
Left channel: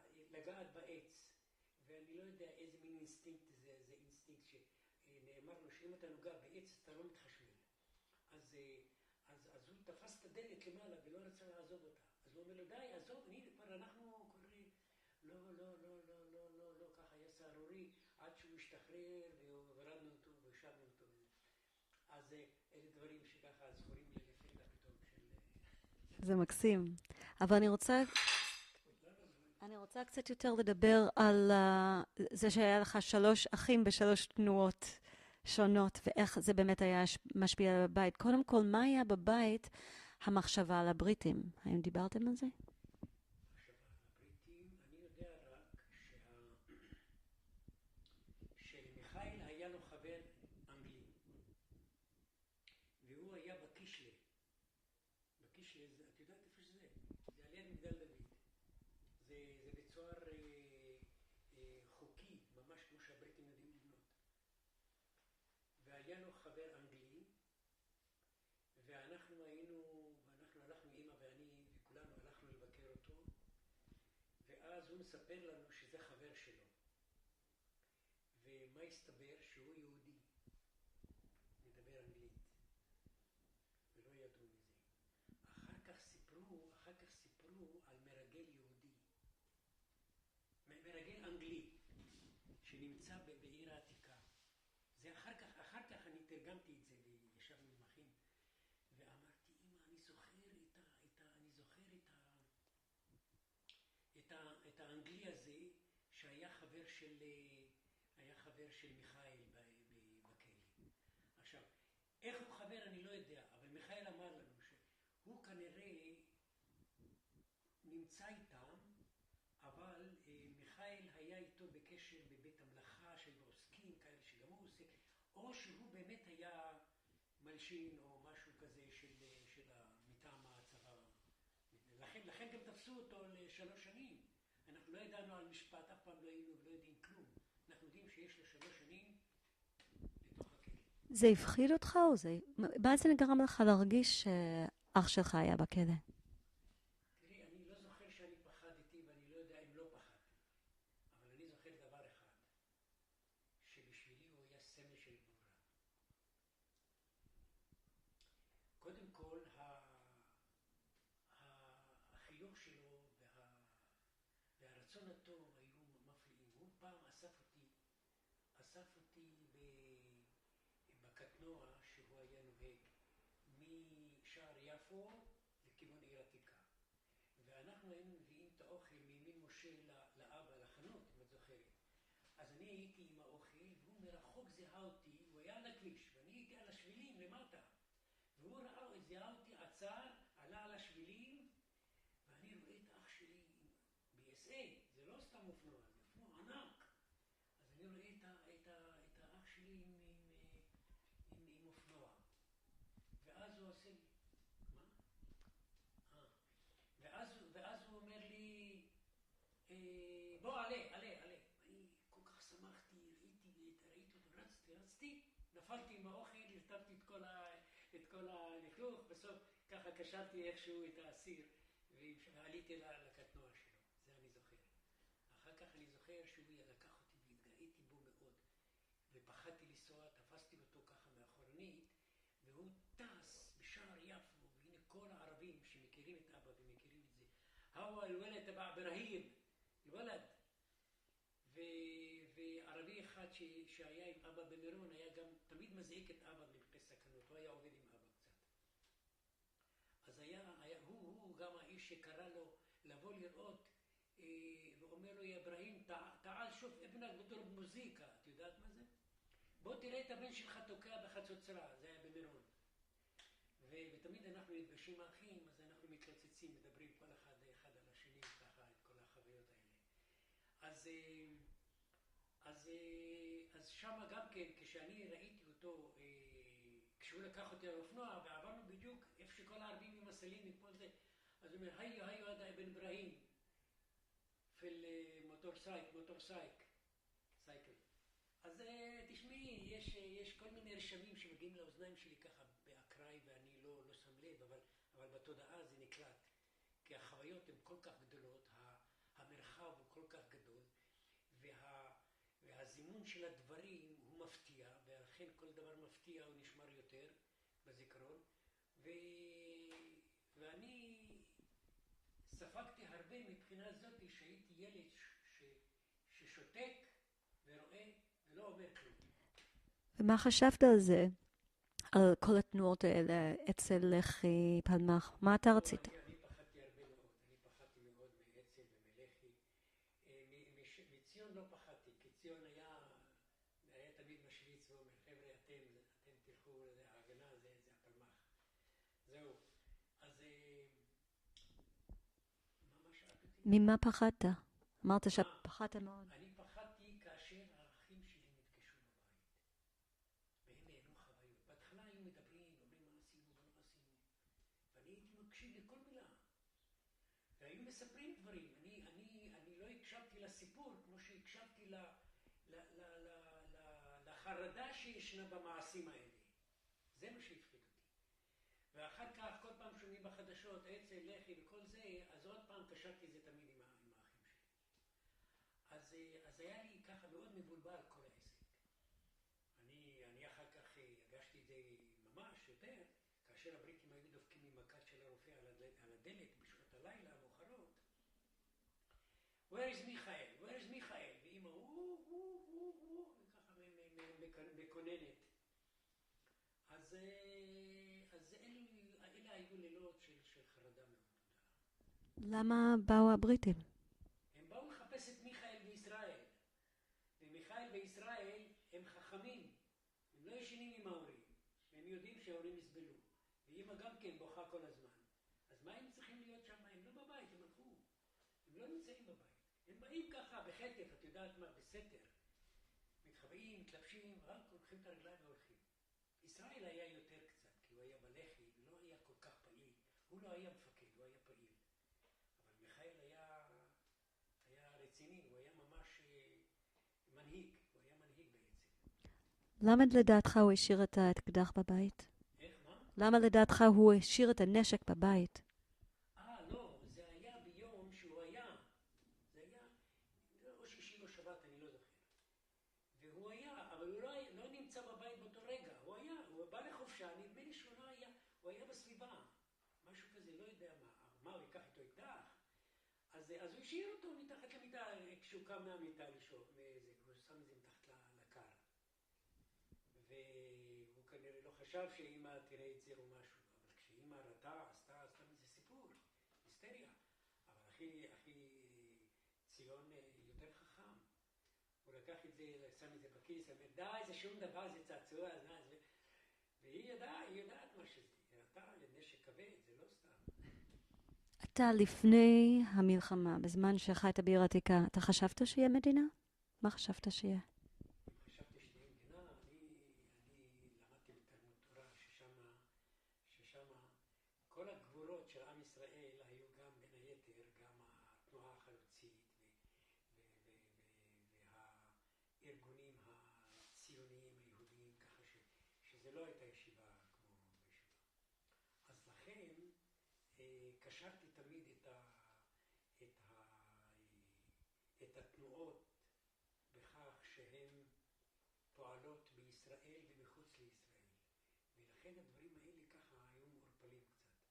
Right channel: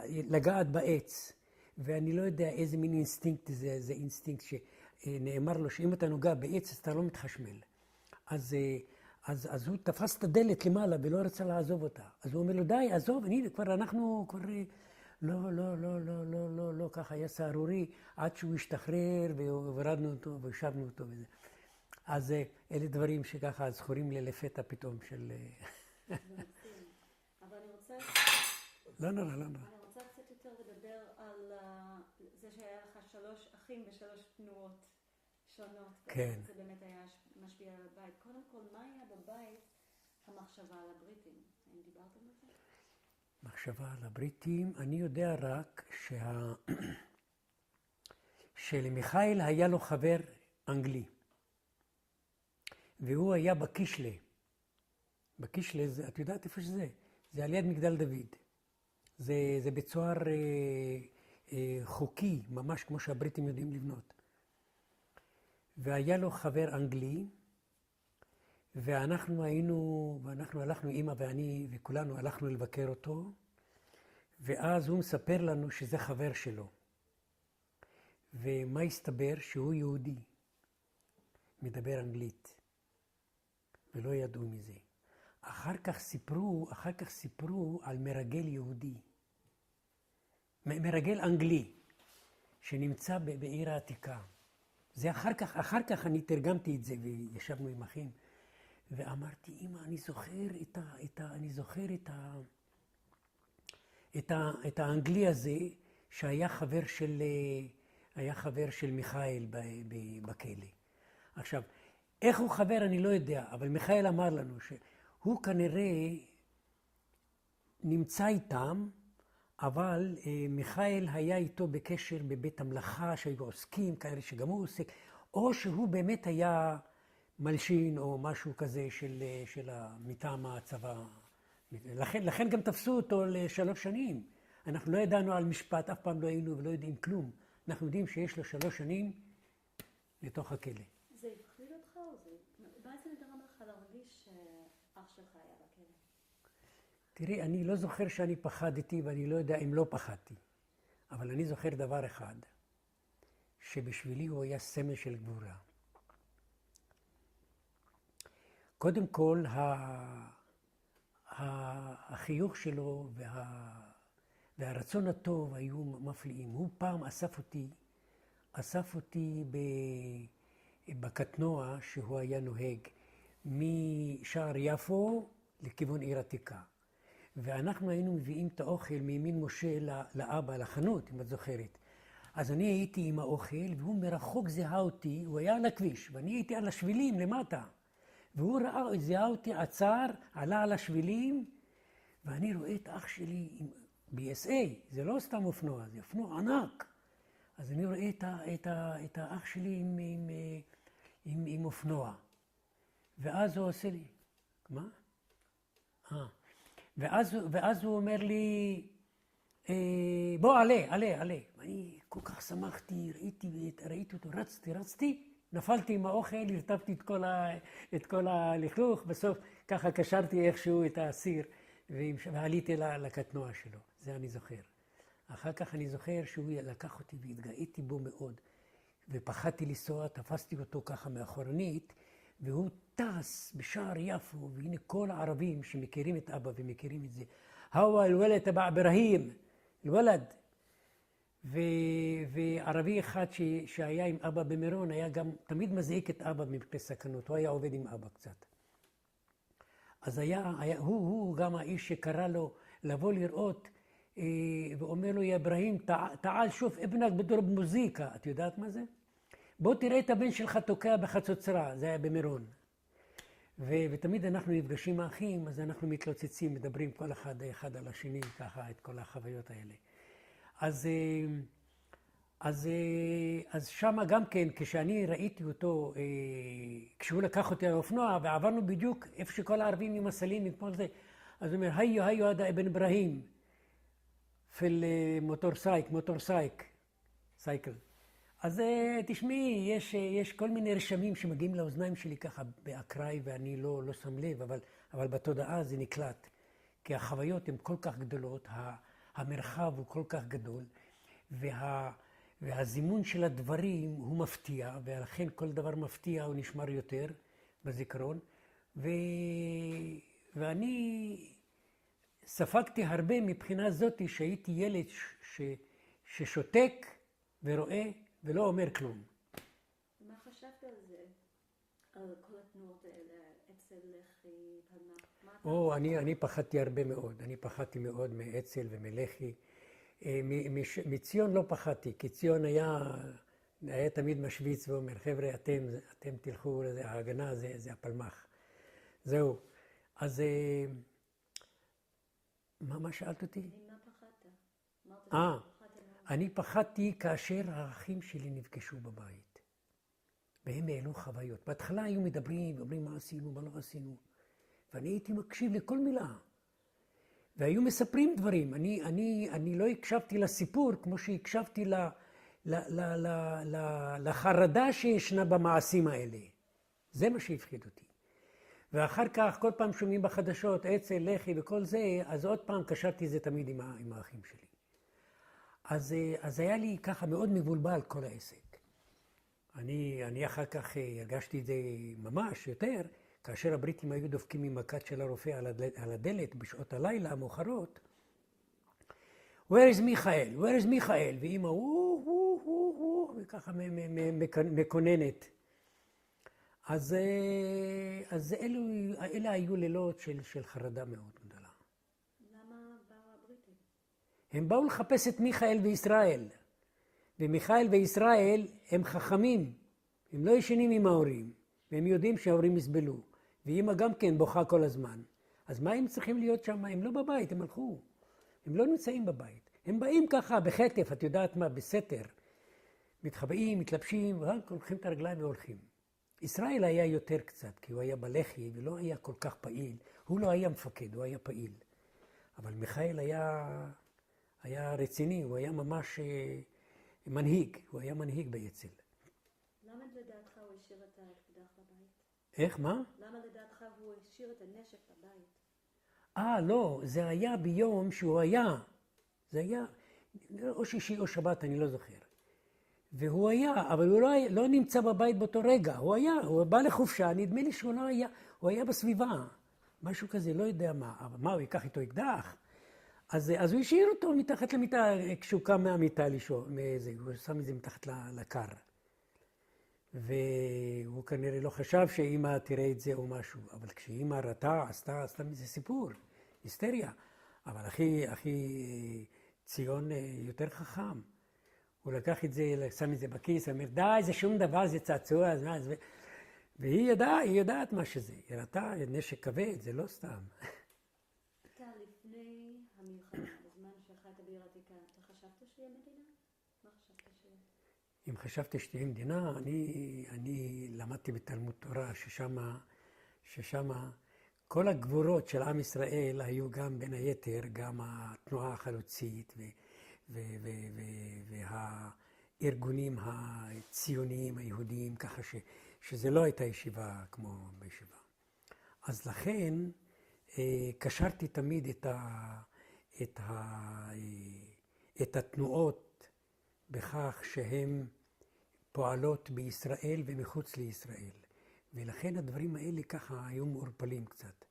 לגעת בעץ. ואני לא יודע איזה מין אינסטינקט זה אינסטינקט נאמר לו שאם אתה נוגע בעץ, אתה לא מתחשמל. אז הוא תפס את הדלת למעלה ולא רצה לעזוב אותה. אז הוא אומר לו, די, עזוב, הנה, אנחנו כבר... לא, ככה היה סערורי, עד שהוא השתחרר והורדנו אותו והשבנו אותו וזה. אז אלה דברים שככה זכורים לי לפתע פתאום של... זה מקסים. אבל אני רוצה... לא. אני רוצה קצת יותר לדבר על זה שהיה לך 3 אחים ב3 תנועות שונות, ואיך זה באמת היה משפיע על הבית. קודם כל, מה היה בבית המחשבה על הבריטים? האם דיברתם על זה? מחשבה על הבריטים, אני יודע רק שלמיכאל היה לו חבר אנגלי, והוא היה בקישלה. בקישלה, את יודעת איפה שזה? זה על יד מגדל דוד. זה בצוהר חוקי, ממש כמו שהבריטים יודעים לבנות. והיה לו חבר אנגלי, ואנחנו הלכנו, אמא ואני, וכולנו הלכנו לבקר אותו, ואז הוא מספר לנו שזה חבר שלו. ומה הסתבר? שהוא יהודי, מדבר אנגלית, ולא ידעו מזה. אחר כך סיפרו על מרגל יהודי, מרגל אנגלי, שנמצא בעיר העתיקה. זה אחר כך אני תרגמתי את זה, וישבנו עם אחים, ואמרתי, אמא, אני זוכר את האנגלי הזה, שהיה חבר של מיכאל בכלא. עכשיו, איך הוא חבר אני לא יודע, אבל מיכאל אמר לנו שהוא כנראה נמצא איתם, אבל מיכאל היה איתו בקשר בבית המלאכה, שהיו עוסקים, כאלה שגם הוא עוסק, או שהוא באמת היה מלשין או משהו כזה של מטעם הצבא. לכן גם תפסו אותו ל3 שנים. אנחנו לא ידענו על משפט, אף פעם לא היינו ולא יודעים כלום. אנחנו יודעים שיש לו 3 שנים לתוך הכלא. זה הפחיד אותך או זה? מה זה גרם לך להרגיש שאח שלך היה בכלא? תראי, אני לא זוכר שאני פחדתי ואני לא יודע אם לא פחדתי. אבל אני זוכר דבר אחד, שבשבילי הוא היה סמל של גבורה. קודם כל, החיוך שלו והרצון הטוב היו מפליאים. הוא פעם אסף אותי בקטנוע שהוא היה נוהג משער יפו לכיוון עיר עתיקה. ואנחנו היינו מביאים את האוכל מימין משה לאבא, לחנות, אם את זוכרת. אז אני הייתי עם האוכל, והוא מרחוק זיהה אותי, הוא היה על הכביש, ואני הייתי על השבילים למטה. והוא זיהה אותי, עצר, עלה על השבילים, ואני רואה את אח שלי ב-SA, זה לא סתם אופנוע, זה אופנוע ענק. אז אני רואה את האח שלי עם אופנוע. ואז הוא עושה לי, מה? ואז הוא אומר לי, בוא, עלה. ואני כל כך שמחתי, ראיתי אותו, רצתי, נפלתי עם האוכל, הרטבתי את כל הלכלוך, בסוף ככה קשרתי איכשהו את האסיר, ועליתי לקטנוע שלו, זה אני זוכר. אחר כך אני זוכר שהוא לקח אותי והתגאיתי בו מאוד, ופחדתי לנסוע, תפסתי אותו ככה מאחורנית, והוא טס בשער יפו, והנה כל הערבים שמכירים את אבא ומכירים את זה, הווא אל-ולד תבע אברהים, אל-ולד. וערבי אחד שהיה עם אבא במירון, היה גם תמיד מזעיק את אבא מפני סכנות, הוא היה עובד עם אבא קצת. אז הוא גם האיש שקרא לו לבוא לראות, ואומר לו, יא אברהים, תעל שוף אבנק בדורב מוזיקה, את יודעת מה זה? בוא תראה את הבן שלך תוקע בחצוצרה, זה היה במירון. ותמיד אנחנו נפגשים האחים, אז אנחנו מתלוצצים, מדברים כל אחד על השני, ככה, את כל החוויות האלה. אז שמה גם כן, כשאני ראיתי אותו, כשהוא לקח אותי על האופנוע, ועברנו בדיוק איפה שכל הערבים עם הסלים, עם כל זה, אז הוא אומר, היו עדה אבן אברהים, פיל מוטורסייק, סייקל. אז תשמעי, יש כל מיני רשמים שמגיעים לאוזניים שלי ככה באקראי, ואני לא שם לב, אבל בתודעה זה נקלט. כי החוויות הן כל כך גדולות, המרחב הוא כל כך גדול, והזימון של הדברים הוא מפתיע, ולכן כל דבר מפתיע הוא נשמר יותר בזיכרון. ואני ספגתי הרבה מבחינה זאת שהייתי ילד ששותק ורואה ולא אומר כלום. ומה חשבת על זה? על כל התנועות האלה, אצ"ל, לח"י, פלמ"ח? מה אתה רצית? אני פחדתי הרבה מאוד. אני פחדתי מאוד מאצ"ל ומלח"י. מציון לא פחדתי, כי ציון היה תמיד משוויץ ואומר, חבר'ה, אתם תלכו, ההגנה זה הפלמ"ח. זהו. אז מה שאלת אותי? ממה פחדת? אמרת שפחדת מאוד. אני פחדתי כאשר האחים שלי נפגשו בבית. והם העלו חוויות. בהתחלה היו מדברים, ואומרים מה עשינו, מה לא עשינו. ואני הייתי מקשיב לכל מילה. והיו מספרים דברים. אני לא הקשבתי לסיפור כמו שהקשבתי לחרדה שישנה במעשים האלה. זה מה שהפחיד אותי. ואחר כך, כל פעם שומעים בחדשות, אצ"ל, לח"י וכל זה, אז עוד פעם קשרתי זה תמיד עם האחים שלי. אז היה לי ככה מאוד מבולבל כל העסק. אני אחר כך הרגשתי את זה ממש יותר, כאשר הבריטים היו דופקים עם מכת של הרופא על הדלת בשעות הלילה המאוחרות. Where is מיכאל? Where is מיכאל? ואמא, וככה מקוננת. אז אלה היו לילות של חרדה מאוד גדולה. למה באו הבריטים? הם באו לחפש את מיכאל וישראל. ומיכאל וישראל הם חכמים. הם לא ישנים עם ההורים. והם יודעים שההורים יסבלו. ואמא גם כן בוכה כל הזמן. אז מה הם צריכים להיות שם? הם לא בבית, הם הלכו. הם לא נמצאים בבית. הם באים ככה בחטף, את יודעת מה, בסתר. מתחבאים, מתלבשים, ורק הולכים את הרגליים והולכים. ישראל היה יותר קצת, כי הוא היה בלח"י ולא היה כל כך פעיל. הוא לא היה מפקד, הוא היה פעיל. אבל מיכאל היה רציני, הוא היה ממש מנהיג. הוא היה מנהיג באצ"ל. למה לדעתך הוא השאיר את האקדח בבית? איך, מה? למה לדעתך הוא השאיר את הנשק בבית? לא, זה היה ביום שהוא היה. זה היה או שישי או שבת, אני לא זוכר. והוא היה, אבל הוא לא נמצא בבית באותו רגע. הוא בא לחופשה, נדמה לי שהוא לא היה, הוא היה בסביבה. משהו כזה, לא יודע מה. אבל מה, הוא ייקח איתו אקדח? אז הוא השאיר אותו מתחת למיטה, כשהוא קם מהמיטה לישון, הוא שם את זה מתחת לקר. והוא כנראה לא חשב שאמא תראה את זה או משהו. אבל כשאמא ראתה, עשתה מזה סיפור, היסטריה. אבל אחי ציון יותר חכם. הוא לקח את זה, שם את זה בכיס, אמר, די, זה שום דבר, זה צעצוע. והיא יודעת מה שזה. היא ראתה נשק כבד, זה לא סתם. אתה לפני המלחמה, בזמן שחיית בעיר העתיקה, אתה חשבת שיהיה מדינה? מה חשבת שיהיה? אם חשבתי שתהיה מדינה, אני למדתי בתלמוד תורה, ששם כל הגבורות של עם ישראל היו גם בין היתר, גם התנועה החלוצית והארגונים הציוניים היהודיים, ככה שזה לא הייתה ישיבה כמו בישיבה. אז לכן קשרתי תמיד את התנועות בכך שהן פועלות בישראל ומחוץ לישראל. ולכן הדברים האלה ככה היו מעורפלים קצת.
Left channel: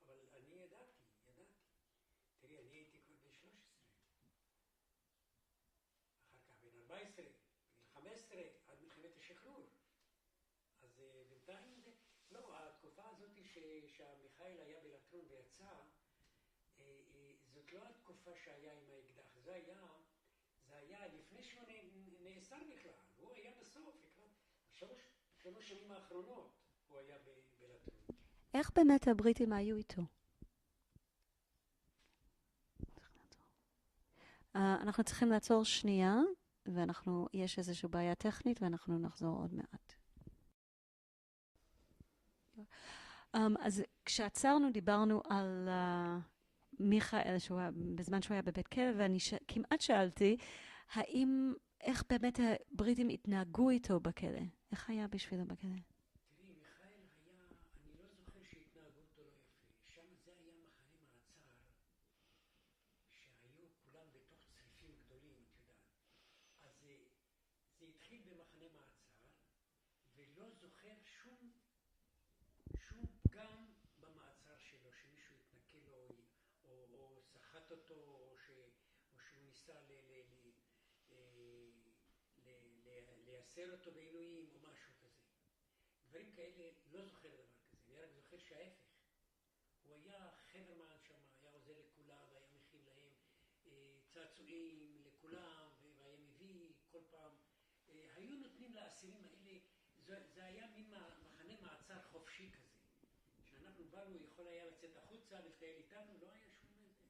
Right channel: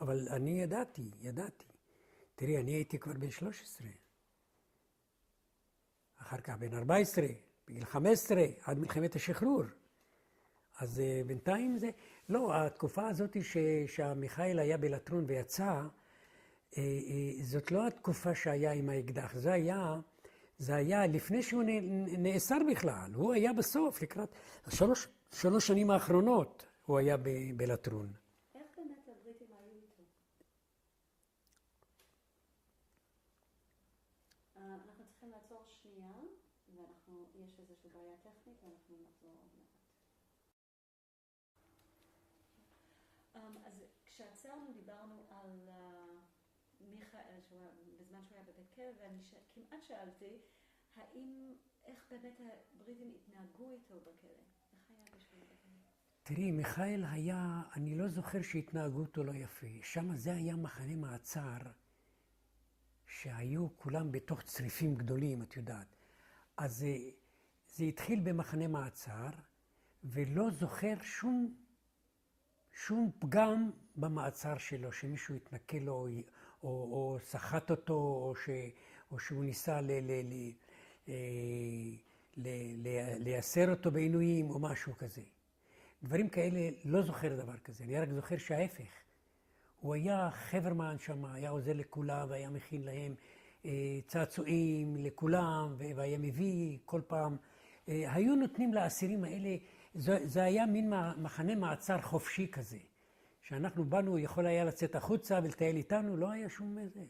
אבל אני ידעתי. תראי, אני הייתי כבר בן 13. אחר כך בן 14, בגיל 15, עד מלחמת השחרור. אז בינתיים זה... לא, התקופה הזאת שהמיכאל היה בלטרון ויצא, זאת לא התקופה שהיה עם האקדח. זה היה לפני שהוא נאסר בכלל. הוא היה בסוף, לקראת 3 שנים האחרונות, הוא היה בלטרון. איך באמת הבריטים היו איתו? אנחנו צריכים לעצור שנייה, יש איזושהי בעיה טכנית, ואנחנו נחזור עוד מעט. אז כשעצרנו דיברנו על מיכאל, בזמן שהוא היה בבית כלא, ואני כמעט שאלתי, איך באמת הבריטים התנהגו איתו בכלא? איך היה בשבילו בכלא? תראי, מיכאל היה, אני לא זוכר שהתנהגו אותו לא יפה. שם זה היה מחנה מעצר, שהיו כולם בתוך צריפים גדולים, את יודעת. אז זה התחיל במחנה מעצר, ולא זוכר שום פגם במעצר שלו, שמישהו התנכל לו, או סחט אותו, או שהוא ניסה לייסר אותו בעינויים, או משהו כזה. דברים כאלה, לא זוכר דבר כזה, אני רק זוכר שההפך. הוא היה חברמן שם, היה עוזר לכולם, והיה מכין להם צעצועים לכולם, והיה מביא כל פעם. היו נותנים לאסירים האלה, זה היה מין מחנה מעצר חופשי כזה. שאנחנו באנו, יכול היה לצאת החוצה ולטייל איתנו, לא היה שום איזה.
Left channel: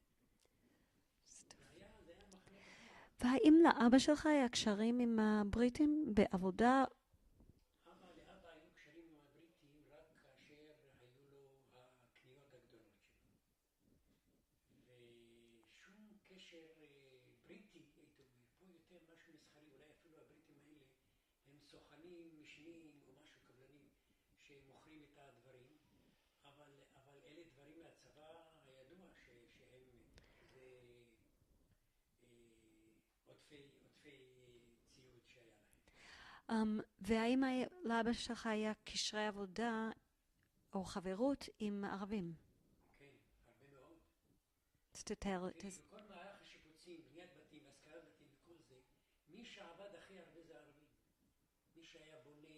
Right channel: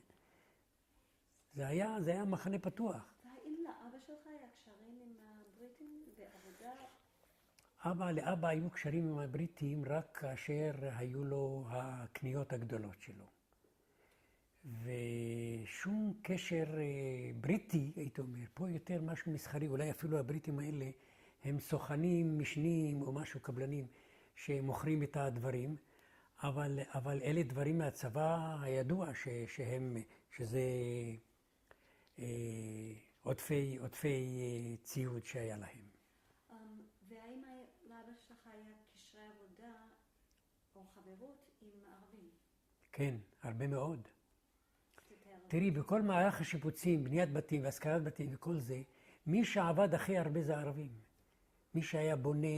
זה היה מחנה פתוח. והאם לאבא שלך היה קשרים עם הבריטים בעבודה? לאבא היו קשרים עם הבריטים רק כאשר היו לו הקניות הגדולות שלו. ושום קשר בריטי, הייתי אומר, פה יותר משהו מסחרי, אולי אפילו הבריטים האלה הם סוכנים משניים או משהו קבלנים שמוכרים את הדברים, אבל אלה דברים מהצבא הידוע שזה עודפי ציוד שהיה להם. והאם לאבא שלך היה קשרי עבודה או חברות עם ערבים? כן, הרבה מאוד. תתאר. תראי, בכל מערך השיפוצים, בניית בתים והשכרת בתים וכל זה, מי שעבד הכי הרבה זה ערבים. מי שהיה בונה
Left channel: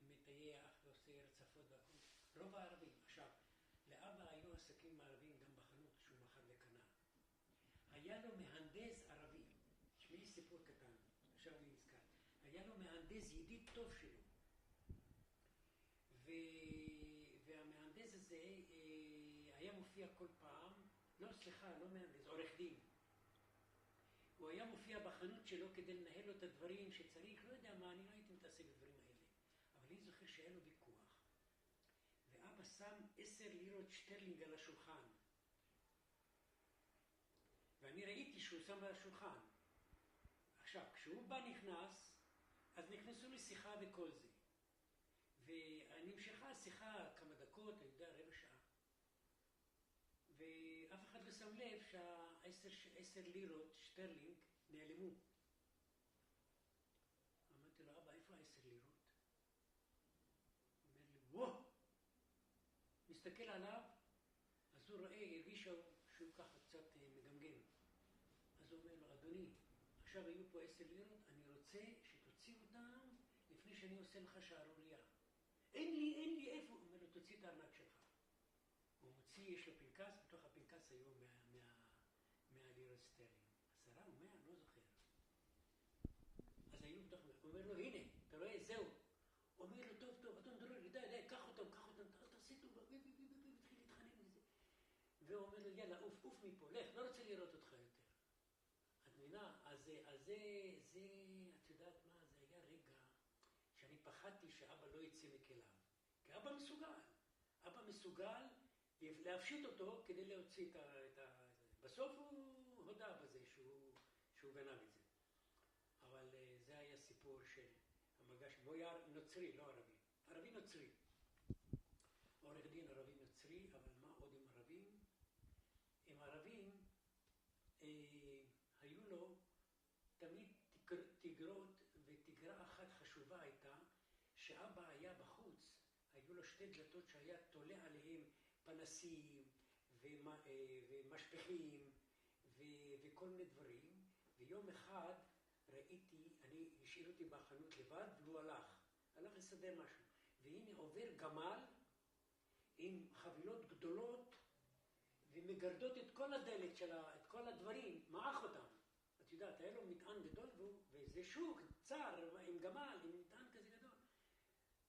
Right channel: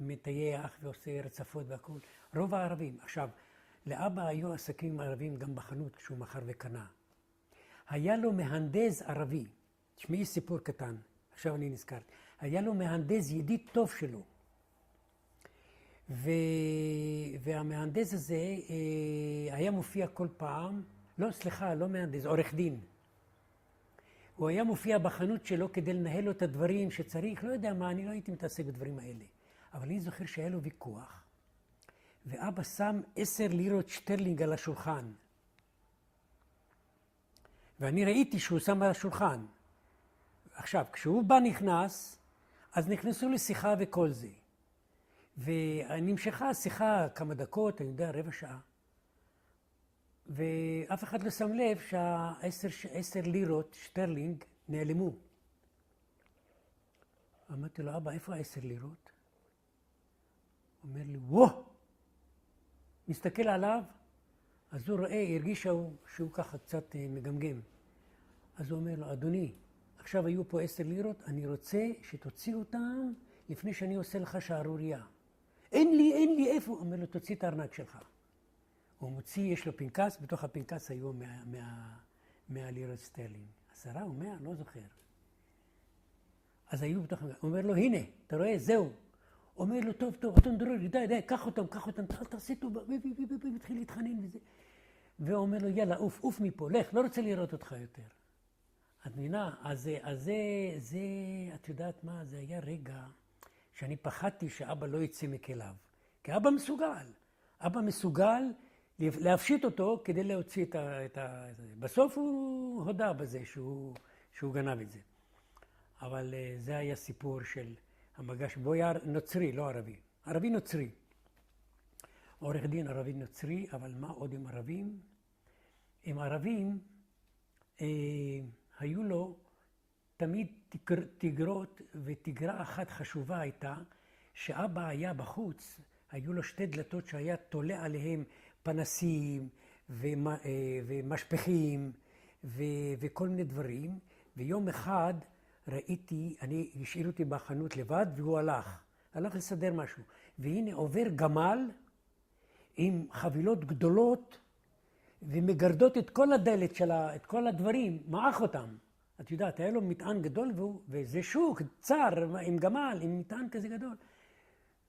ומטייח ועושה רצפות והכל, רוב הערבים. עכשיו, לאבא היו עסקים ערבים גם בחנות כשהוא מכר וקנה. היה לו מהנדס ערבי, תשמעי סיפור קטן, עכשיו אני נזכרת. היה לו מהנדס ידיד טוב שלו. והמהנדס הזה היה מופיע כל פעם, לא מהנדס, עורך דין. הוא היה מופיע בחנות שלו כדי לנהל לו את הדברים שצריך, לא יודע מה, אני לא הייתי מתעסק בדברים האלה. אבל אני זוכר שהיה לו ויכוח, ואבא שם 10 לירות שטרלינג על השולחן. ואני ראיתי שהוא שם על השולחן. עכשיו, כשהוא בא נכנס, אז נכנסו לשיחה וכל זה. ונמשכה השיחה כמה דקות, אני יודע, רבע שעה. ואף אחד לא שם לב שה10 לירות שטרלינג נעלמו. אמרתי לו, אבא, איפה 10 לירות? הוא אומר לי, וואו! מסתכל עליו, אז הוא רואה, הרגיש שהוא ככה קצת מגמגם. אז הוא אומר לו, אדוני, עכשיו היו פה 10 לירות, אני רוצה שתוציא אותם לפני שאני עושה לך שערוריה. אין לי איפה. הוא אומר לו, תוציא את הארנק שלך. הוא מוציא, יש לו פנקס, בתוך הפנקס היו 100 לירות סטרלינג. 10 או 100, לא זוכר. אז היו בתוך הפנקס. הוא אומר לו, הנה, אתה רואה, זהו. אומר לו, טוב, אתון דרורי, די, קח אותם, אל תעשה טובה, מתחיל להתחנן וזה. והוא אומר לו, יאללה, עוף מפה, לך, לא רוצה לראות אותך יותר. את מבינה, אז זה, את יודעת מה, זה היה רגע שאני פחדתי שאבא לא יצא מכליו. כי אבא מסוגל להפשיט אותו כדי להוציא את ה... בסוף הוא הודה בזה שהוא גנב את זה. אבל זה היה סיפור של המגש, בו היה נוצרי, לא ערבי. ערבי נוצרי. עורך דין ערבי נוצרי, אבל מה עוד עם ערבים? עם ערבים היו לו תמיד תגרות, ותגרה אחת חשובה הייתה, שאבא היה בחוץ, היו לו 2 דלתות שהיה תולה עליהם פנסים ומשפחים וכל מיני דברים, ויום אחד ראיתי, השאיר אותי בחנות לבד, והוא הלך לסדר משהו. והנה עובר גמל עם חבילות גדולות, ומגרדות את כל הדלת שלה, את כל הדברים, מעך אותם. את יודעת, היה לו מטען גדול, וזה שוק, צר, עם גמל, עם מטען כזה גדול.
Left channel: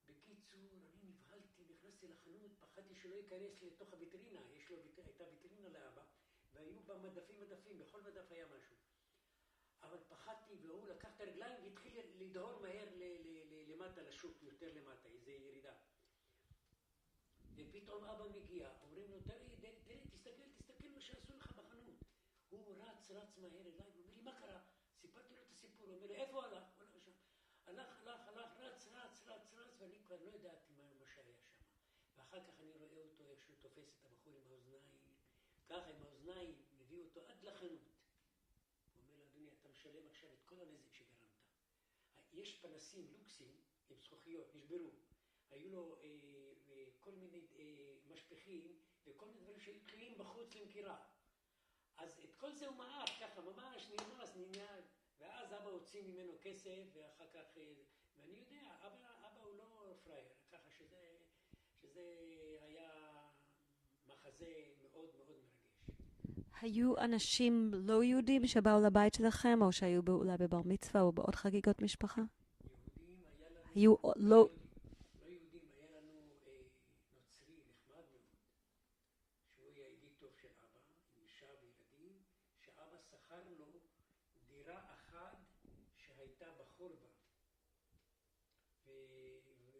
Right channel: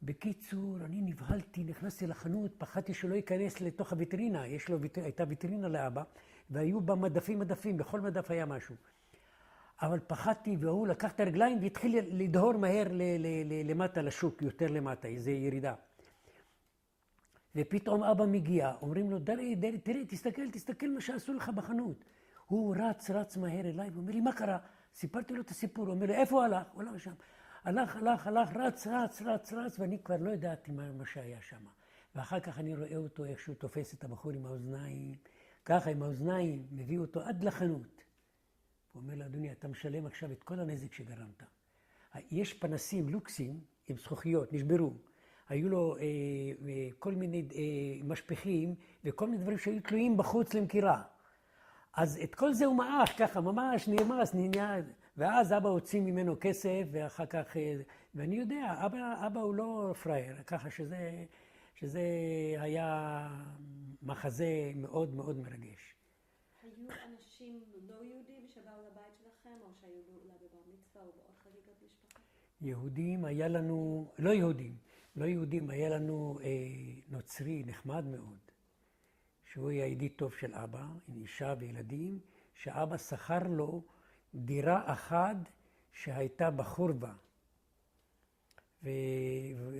בקיצור, אני נבהלתי, נכנסתי לחנות, פחדתי שלא ייכנס לתוך הוויטרינה. הייתה ויטרינה לאבא, והיו בה מדפים, בכל מדף היה משהו. אבל פחדתי, והוא לקח את הרגליים והתחיל לדהור מהר למטה לשוק, יותר למטה, איזו ירידה. ופתאום אבא מגיע, אומרים לו, דרי, תראה, תסתכל מה שעשו לך בחנות. הוא רץ מהר אליי, ואומר לי, מה קרה? סיפרתי לו את הסיפור, הוא אומר לי, איפה הוא הלך? הוא הלך שם. הלך, רץ, ואני כבר לא ידעתי מה שהיה שם. ואחר כך אני רואה אותו, איך שהוא תופס את הבחור עם האוזניים, ככה עם האוזניים, מביא אותו עד לחנות. הוא אומר לו, אדוני, אתה משלם עכשיו את כל הנזק שגרמת. יש פנסים לוקסים עם זכוכיות, נשברו. היו לו כל מיני משפכים וכל מיני דברים שהיו תלויים בחוץ למכירה. אז את כל זה הוא מעך ככה, ממש נרמס, ואז אבא הוציא ממנו כסף, ואחר כך, ואני יודע, אבא הוא לא פרייר, ככה שזה היה מחזה מאוד מאוד מרגש. היו אנשים לא יהודים שבאו לבית שלכם, או שהיו אולי בבר מצווה או בעוד חגיגות משפחה? יהודים היה לנו, לא יהודים, היה לנו נוצרי נחמד מאוד, שהוא היה ידיד טוב של אבא, עם אישה וילדים, שאבא שכר לו דירה אחת שהייתה בחורבה.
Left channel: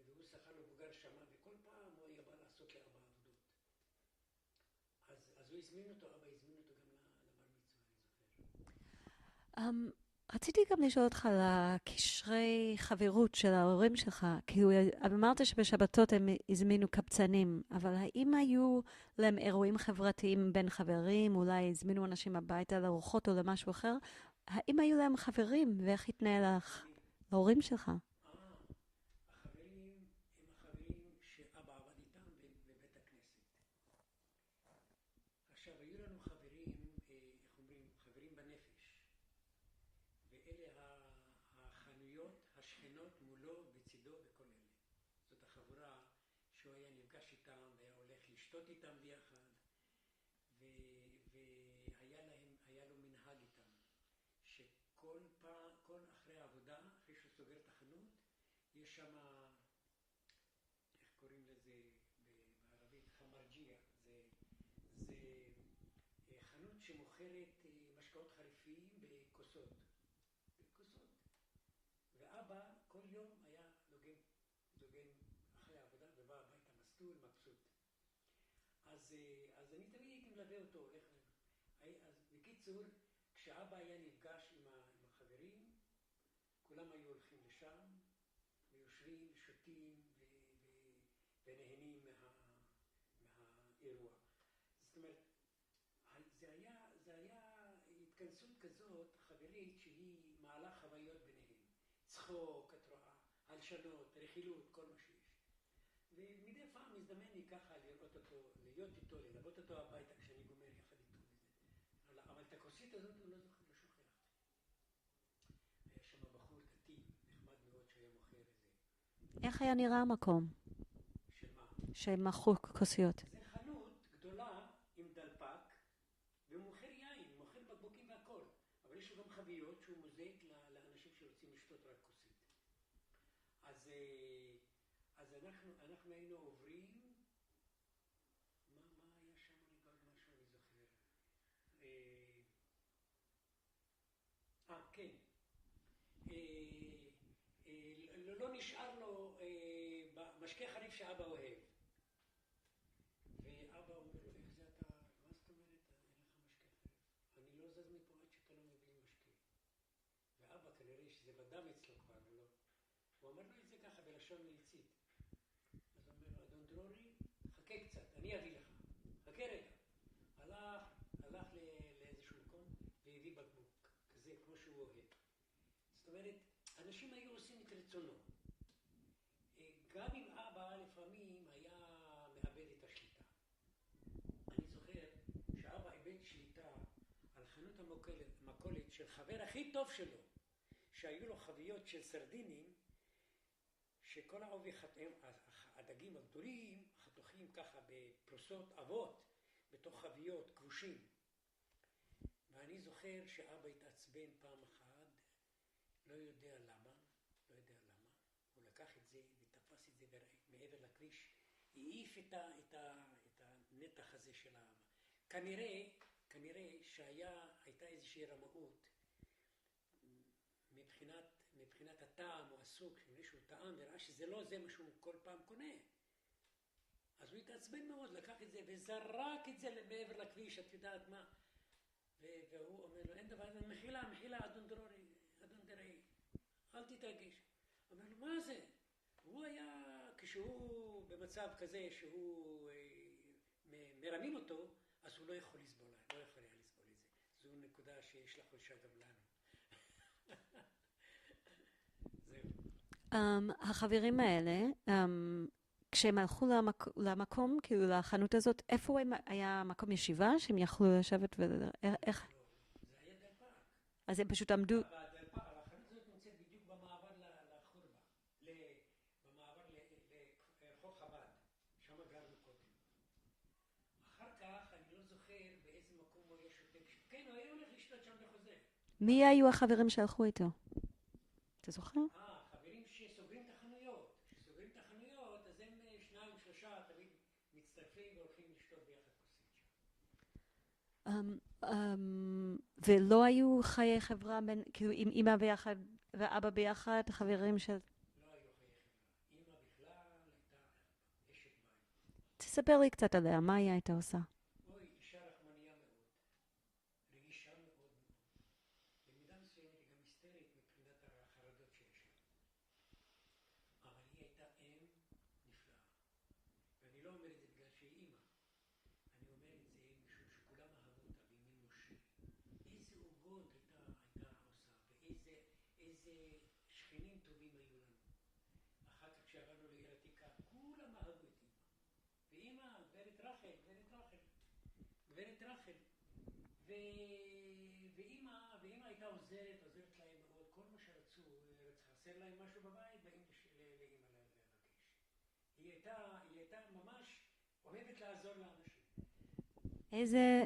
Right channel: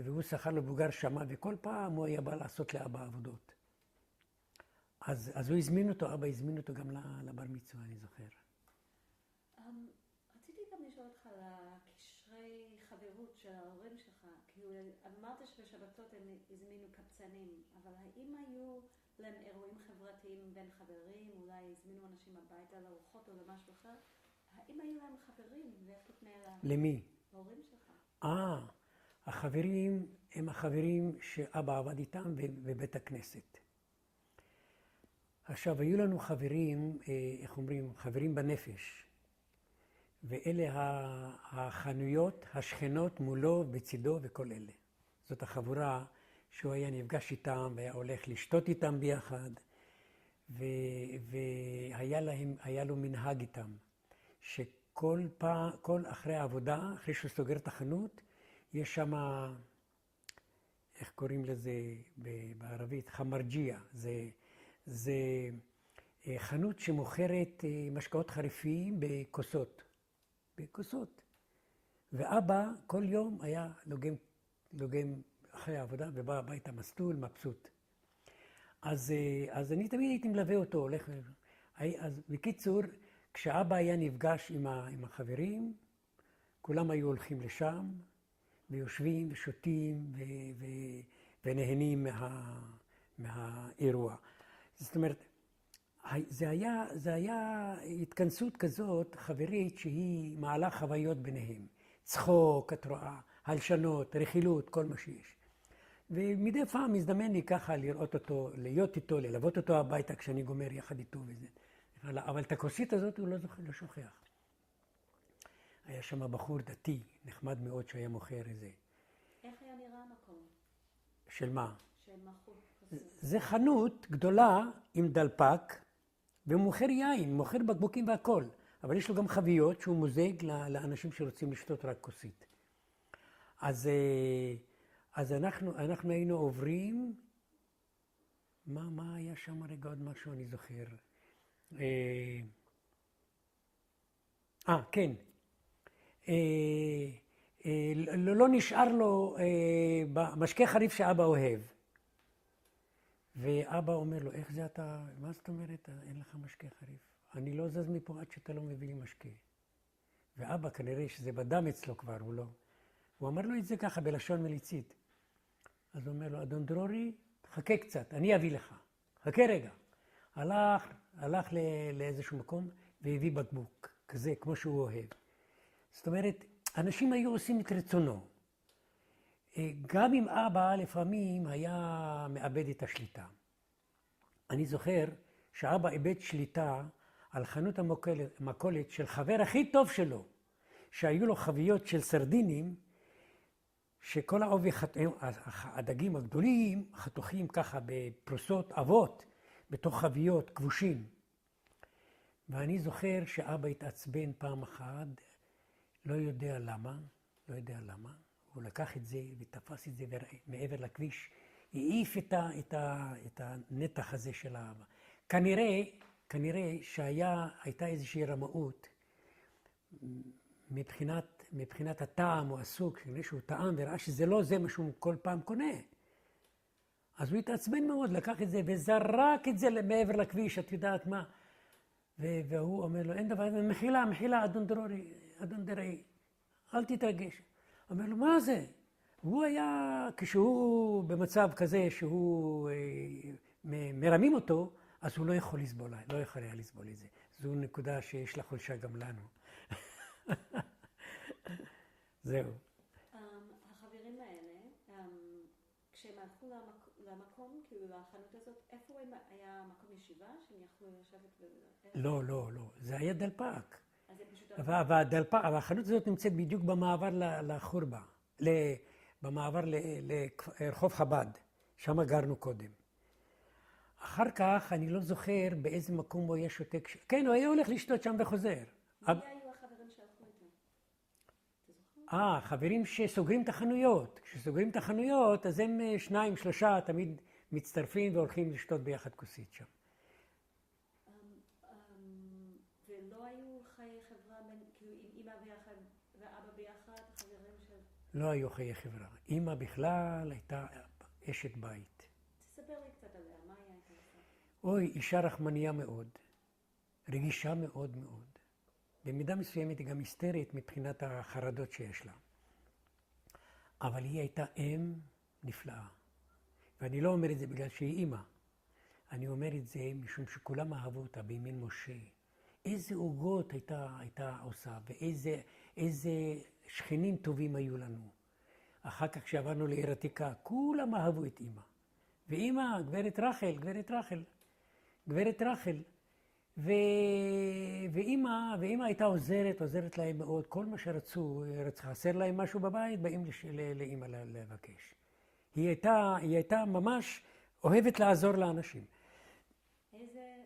והוא שכר לו בוגר שמה, וכל פעם הוא היה בא לעשות לאבא עבודות. אז הוא הזמין אותו, אבא הזמין אותו גם לבר מצווה, אני זוכר. רציתי גם לשאול אותך על הקשרי חברות של ההורים שלך. כאילו, אמרת שבשבתות הם הזמינו קבצנים, אבל האם היו להם אירועים חברתיים בין חברים? אולי הזמינו אנשים הביתה לארוחות או למשהו אחר? האם היו להם חברים, ואיך התנהל למי? להורים שלך? החברים הם החברים שאבא עבד איתם בבית הכנסת. עכשיו, היו לנו חברים, איך אומרים, חברים בנפש. ואלה החנויות, השכנות מולו, בצידו וכל אלה. זאת החבורה שהוא היה נפגש איתם והיה הולך לשתות איתם ביחד. והיה לו מנהג איתם, שכל אחרי העבודה, אחרי שהוא סוגר את החנות, יש שם, איך קוראים לזה בערבית? חמרג'יה. זה חנות שמוכרת משקאות חריפים בכוסות. ואבא כל יום היה לוגם אחרי העבודה ובא הביתה מסטול, מבסוט. אז אני תמיד הייתי מלווה אותו, הולך. אז בקיצור, כשאבא היה נפגש עם החברים, כולם היו הולכים לשם, ויושבים ושותים ונהנים מהאירוע. זאת אומרת, זה היה התכנסות כזאת חברית שהיא מעלה חוויות ביניהם. צחוק, את רואה, הלשנות, רכילות, כל מה שיש. ומדי פעם הזדמן לי ככה לראות אותו, להיות איתו, ללוות אותו הביתה כשאני גומר יחד איתו וזה. אבל את הכוסית הזאת הוא לא שוכח. היה שם בחור דתי, נחמד מאוד שהיה מוכר איזה. איך היה נראה המקום? של מה? שמכרו כוסיות. זה חנות גדולה עם דלפק, והוא מוכר יין, מוכר בקבוקים והכל. אבל יש לו גם חביות שהוא מוזג לאנשים שרוצים לשתות רק כוסית. אז אנחנו היינו עוברים, מה היה שם רגע עוד משהו אני זוכר? כן. לא נשאר לו משקה חריף שאבא אוהב. ואבא אומר לו, איך זה אתה, מה זאת אומרת, אין לך משקה חריף? אני לא זז מפה עד שאתה לא מביא לי משקה. ואבא כנראה שזה בדם אצלו כבר, הוא לא. הוא אמר לו את זה ככה בלשון מליצית. אז הוא אומר לו, אדון דרורי, חכה קצת, אני אביא לך. חכה רגע. הלך לאיזשהו מקום והביא בקבוק, כזה, כמו שהוא אוהב. זאת אומרת, אנשים היו עושים את רצונו. גם אם אבא לפעמים היה מאבד את השליטה. אני זוכר שאבא איבד שליטה על חנות המכולת של חבר הכי טוב שלו, שהיו לו חביות של סרדינים, שכל העובי, הדגים הגדולים חתוכים ככה בפרוסות עבות, בתוך חביות כבושים. ואני זוכר שאבא התעצבן פעם אחת, לא יודע למה, הוא לקח את זה ותפס את זה מעבר לכביש, העיף את הנתח הזה של האבא. כנראה שהייתה איזושהי רמאות מבחינת הטעם או הסוג, כנראה שהוא טעם וראה שזה לא זה מה שהוא כל פעם קונה. אז הוא התעצבן מאוד, לקח את זה וזרק את זה מעבר לכביש, את יודעת מה. והוא אומר לו, אין דבר, מחילה, אדון דרורי, אל תתרגש. אומר לו, מה זה? הוא היה, כשהוא במצב כזה שהוא מרמים אותו, אז הוא לא יכול היה לסבול את זה. זו נקודה שיש לה חולשה גם לנו. זהו. החברים האלה, כשהם הלכו למקום, כאילו לחנות הזאת, איפה היה מקום ישיבה שהם יכלו לשבת לא, לא, לא. זה היה דלפק. אז הם פשוט עמדו. והחנות הזאת נמצאת בדיוק במעבר לחורבה, במעבר לרחוב חב"ד, שם גרנו קודם. אחר כך אני לא זוכר באיזה מקום הוא היה שותק. כן, הוא היה הולך לשתות שם וחוזר. מי היו החברים שהלכו איתו? אתה זוכר? חברים שסוגרים את החנויות. כשסוגרים את החנויות, אז הם 2, 3 תמיד מצטרפים והולכים לשתות ביחד כוסית שם. ולא היו חיי חברה בין, כאילו עם אמא ביחד ואבא ביחד, חברים של... לא היו חיי חברה. אמא בכלל הייתה אשת בית. תספר לי קצת עליה, מה היא הייתה עושה? אוי, אישה רחמניה מאוד, רגישה מאוד מאוד. במידה מסוימת היא גם היסטרית מבחינת החרדות שיש לה. אבל היא הייתה אם נפלאה. ואני לא אומר את זה בגלל שהיא אימא. אני אומר את זה משום שכולם אהבו אותה בימין משה. איזה עוגות הייתה עושה, ואיזה שכנים טובים היו לנו. אחר כך כשעברנו לעיר עתיקה, כולם אהבו את אימא. ואימא, גברת רחל. ואימא הייתה עוזרת להם מאוד. כל מה שרצו, חסר להם משהו בבית, באים לאימא לבקש. היא הייתה ממש אוהבת לעזור לאנשים. איזה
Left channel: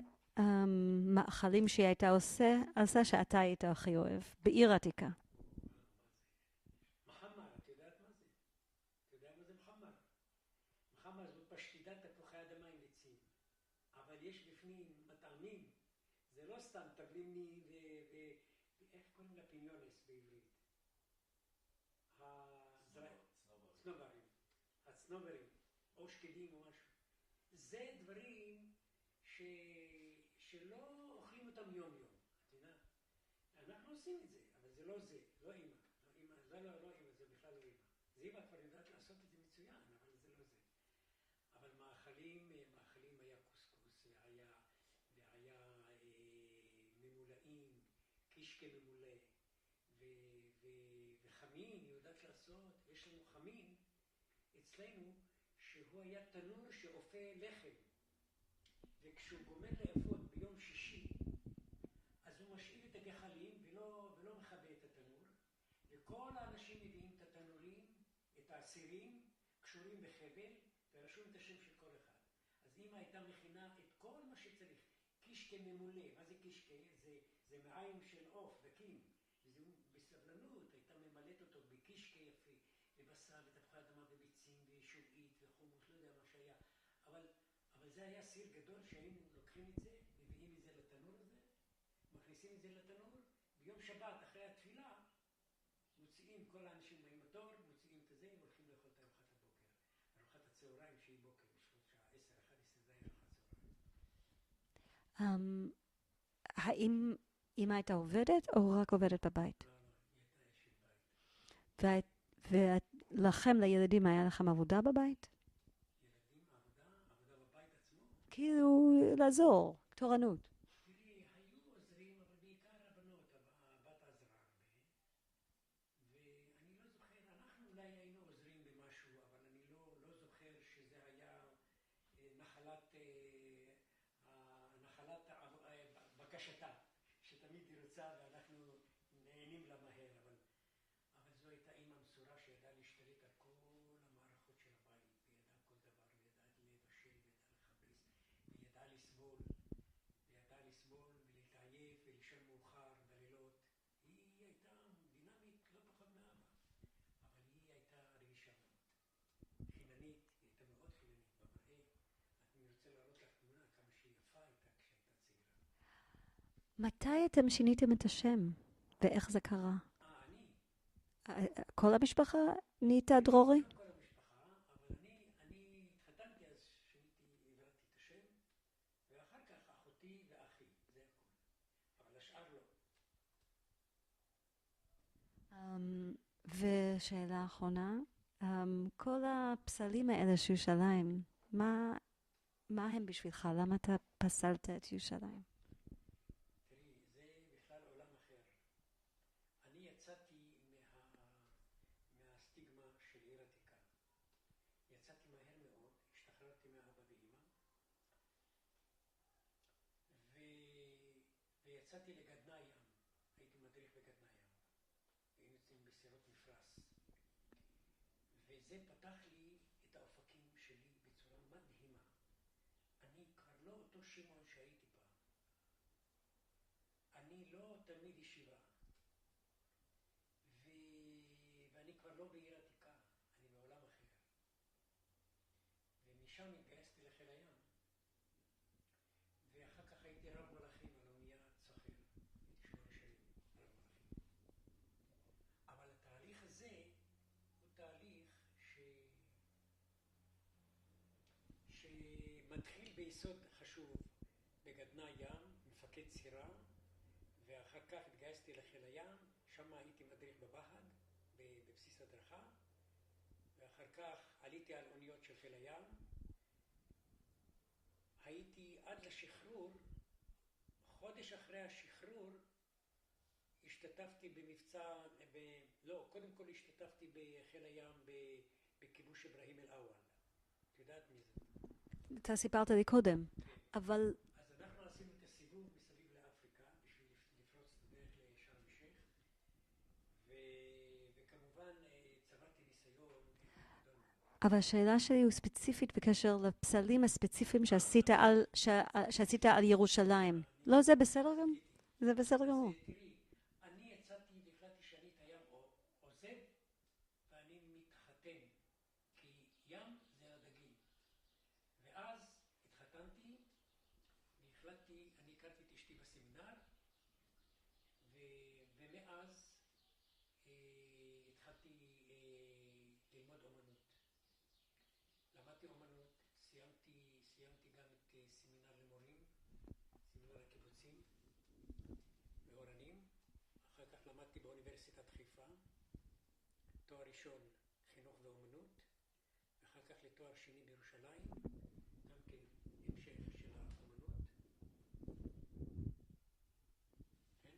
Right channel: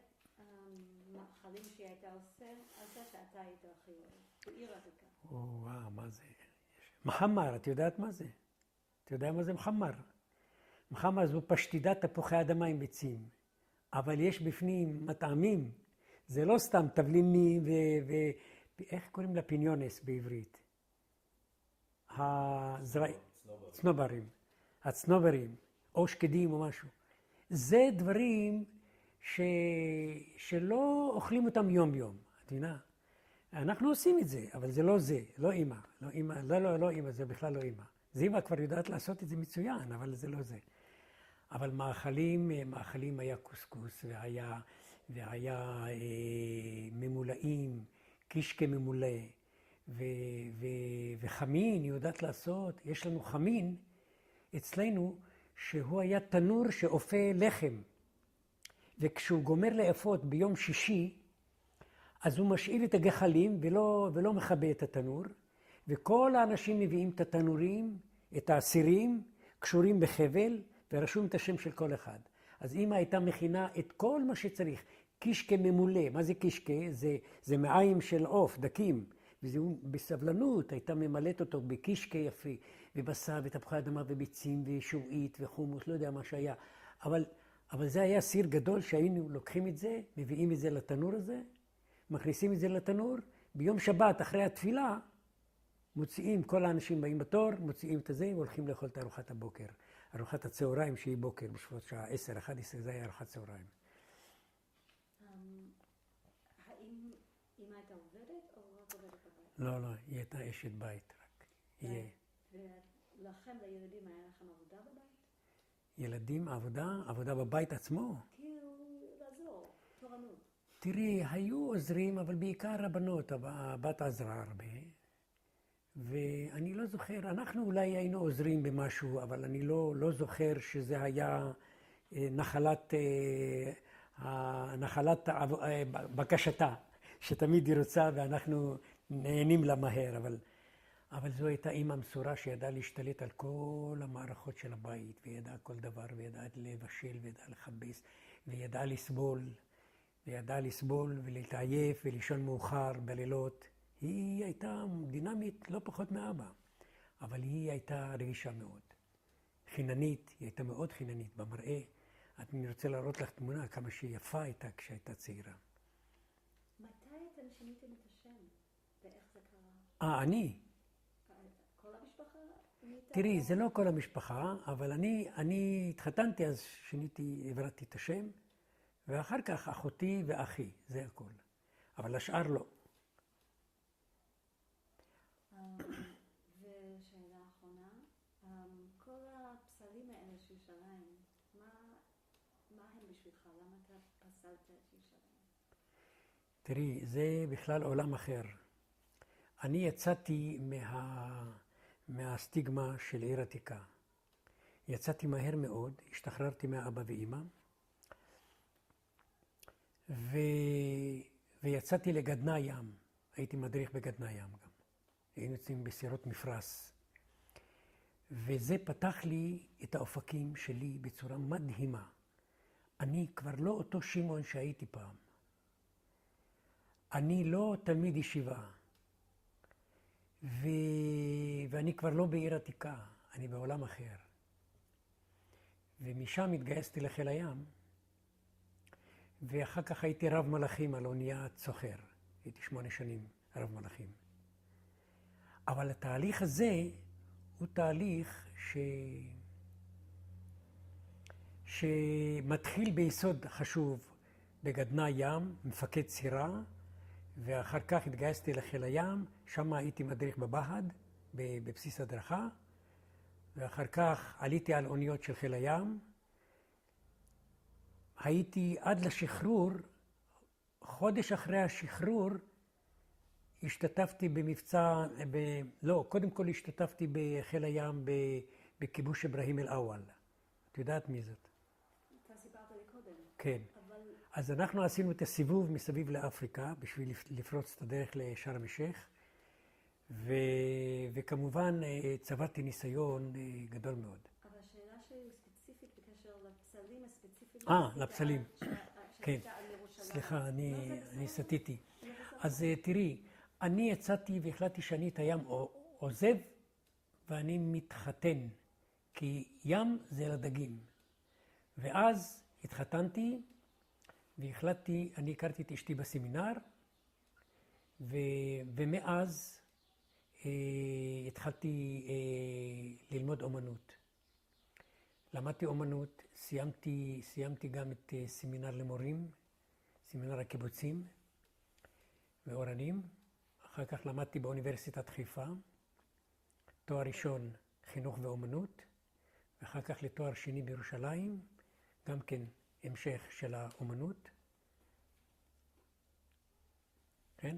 מאכלים שהיא הייתה עושה שאתה היית הכי אוהב, בעיר עתיקה? מה זה? מחמר, את יודעת מה זה? אתה יודע מה זה מחמר? מחמר זו פשטידת תפוחי אדמה עם ביצים. אבל יש בפנים מטעמים. זה לא סתם תבלינים איך קוראים לה פיניונס בעברית? הצנוברים, או שקדים או משהו. זה דברים שלא אוכלים אותם יום יום, את מבינה? אנחנו עושים את זה, אבל זה, לא אמא. לא אמא, זה בכלל לא אמא. זה אמא כבר יודעת לעשות את זה מצוין, אבל זה לא זה. אבל מאכלים היה קוסקוס והיה ממולאים, קישקה ממולא, וחמין, היא יודעת לעשות. יש לנו חמין אצלנו שהוא היה תנור שאופה לחם. וכשהוא גומר לאפות ביום שישי, אז הוא משאיל את הגחלים ולא מכבה את התנור. וכל האנשים מביאים את התנורים, את הסירים, קשורים בחבל, ורשום את השם של כל אחד. אז אמא הייתה מכינה את כל מה שצריך. קישקה ממולא. מה זה קישקה? זה מעיים של עוף, דקים. וזהו בסבלנות הייתה ממלאת אותו בקישקה יפה, ובשר ותפוחי אדמה וביצים ושועית וחומוס, לא יודע מה שהיה. אבל זה היה סיר גדול שהיינו לוקחים את זה, מביאים את זה לתנור הזה, מכניסים את זה לתנור, ביום שבת אחרי התפילה, מוציאים, כל האנשים באים בתור, מוציאים את זה והולכים לאכול את ארוחת הבוקר. ארוחת הצהריים שהיא בוקר, בשביל שעה 10, 11, זה היה ארוחת צהריים. האם אמא הייתה עובדת או רק עובדת בבית? לא, היא הייתה אשת בית. ולכם, לילדים, היה לכם עבודה בבית? ילדים, עבודה בבית עצמו? כאילו, לעזור, תורנות. תראי, היו עוזרים, אבל בעיקר הבנות, הבת עזרה הרבה. ואני לא זוכר, אנחנו אולי היינו עוזרים במשהו, אבל אני לא זוכר שזה היה נחלת בקשתה, שתמיד היא רוצה ואנחנו נהנים לה מהר, אבל זו הייתה אימא מסורה שידעה להשתלט על כל המערכות של הבית, וידעה כל דבר, וידעה לבשל, וידעה לכבס, וידעה לסבול ולהתעייף ולישון מאוחר בלילות. היא הייתה דינמית לא פחות מאבא, אבל היא הייתה רגישה מאוד. חיננית, היא הייתה מאוד חיננית במראה. אני רוצה להראות לך תמונה כמה שהיא יפה הייתה כשהייתה צעירה. מתי אתם שיניתם את השם? ואיך זה קרה? אני. כל המשפחה נהייתה דרורי? תראי, זה לא כל המשפחה, אבל אני התחתנתי אז עברתי את השם, ואחר כך אחותי ואחי, זה הכל. אבל השאר לא. ושאלה אחרונה, כל הפסלים האלה של ירושלים, מה הם בשבילך? למה אתה פסלת את ירושלים? תראי, זה בכלל עולם אחר. אני יצאתי מהסטיגמה של עיר עתיקה. יצאתי מהר מאוד, השתחררתי מאבא ואמא, ויצאתי לגדנ"ע ים. הייתי מדריך בגדנ"ע ים גם. היינו יוצאים בסירות מפרש. וזה פתח לי את האופקים שלי בצורה מדהימה. אני כבר לא אותו שמעון שהייתי פעם. אני לא תלמיד ישיבה. ואני כבר לא בעיר עתיקה, אני בעולם אחר. ומשם התגייסתי לחיל הים, ואחר כך הייתי רב מלאכים על אוניית סוחר. הייתי 8 שנים רב מלאכים. אבל התהליך הזה הוא תהליך שמתחיל ביסוד חשוב בגדנ"ע ים, מפקד סירה, ואחר כך התגייסתי לחיל הים, שם הייתי מדריך בבה"ד, בבסיס הדרכה, ואחר כך עליתי על אוניות של חיל הים. הייתי עד לשחרור, חודש אחרי השחרור, השתתפתי במבצע, קודם כל השתתפתי בחיל הים בכיבוש אברהים אל-אוול. את יודעת מי זאת? אתה סיפרת לי קודם. כן. אבל... אז אנחנו עשינו את הסיבוב מסביב לאפריקה, בשביל לפרוץ את הדרך לשארם א-שייח, וכמובן צברתי ניסיון גדול מאוד. אבל השאלה שלי היא ספציפית בקשר לפסלים הספציפיים שעשית על ירושלים. סליחה, לא, זה בסדר? אני סטיתי. זה בסדר. אז תראי, אני יצאתי והחלטתי שאני את הים עוזב, ואני מתחתן, כי ים זה לדגים. ואז התחתנתי, והחלטתי, אני הכרתי את אשתי בסמינר, ומאז התחלתי ללמוד אומנות. למדתי אומנות, סיימתי גם את סמינר למורים, סמינר הקיבוצים ואורנים. אחר כך למדתי באוניברסיטת חיפה, תואר ראשון חינוך ואומנות, ואחר כך לתואר שני בירושלים, גם כן המשך של האומנות, כן?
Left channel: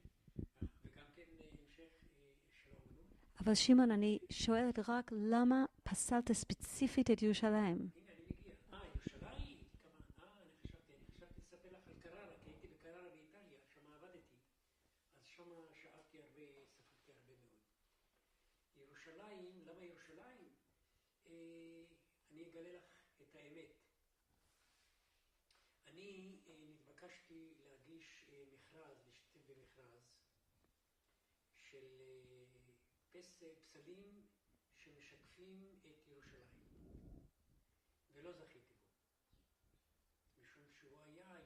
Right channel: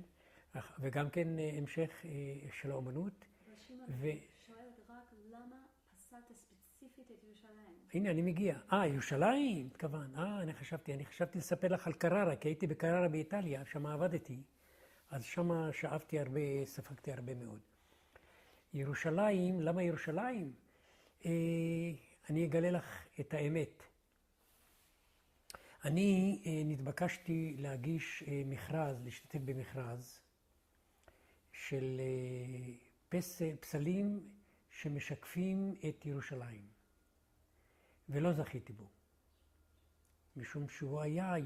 וגם כן המשך של האומנות. אבל שמעון, אני שואלת רק למה פסלת ספציפית את ירושלים? הנה, אני מגיע. ירושלים, התכוון. אני חשבתי לספר לך על קררה, כי הייתי בקררה באיטליה, שם עבדתי. אז שם שאפתי הרבה, ספגתי הרבה מאוד. ירושלים, למה ירושלים? אני אגלה לך את האמת. אני נתבקשתי להגיש מכרז, להשתתף במכרז של פסלים שמשקפים את ירושלים. ולא זכיתי בו. משום שהוא היה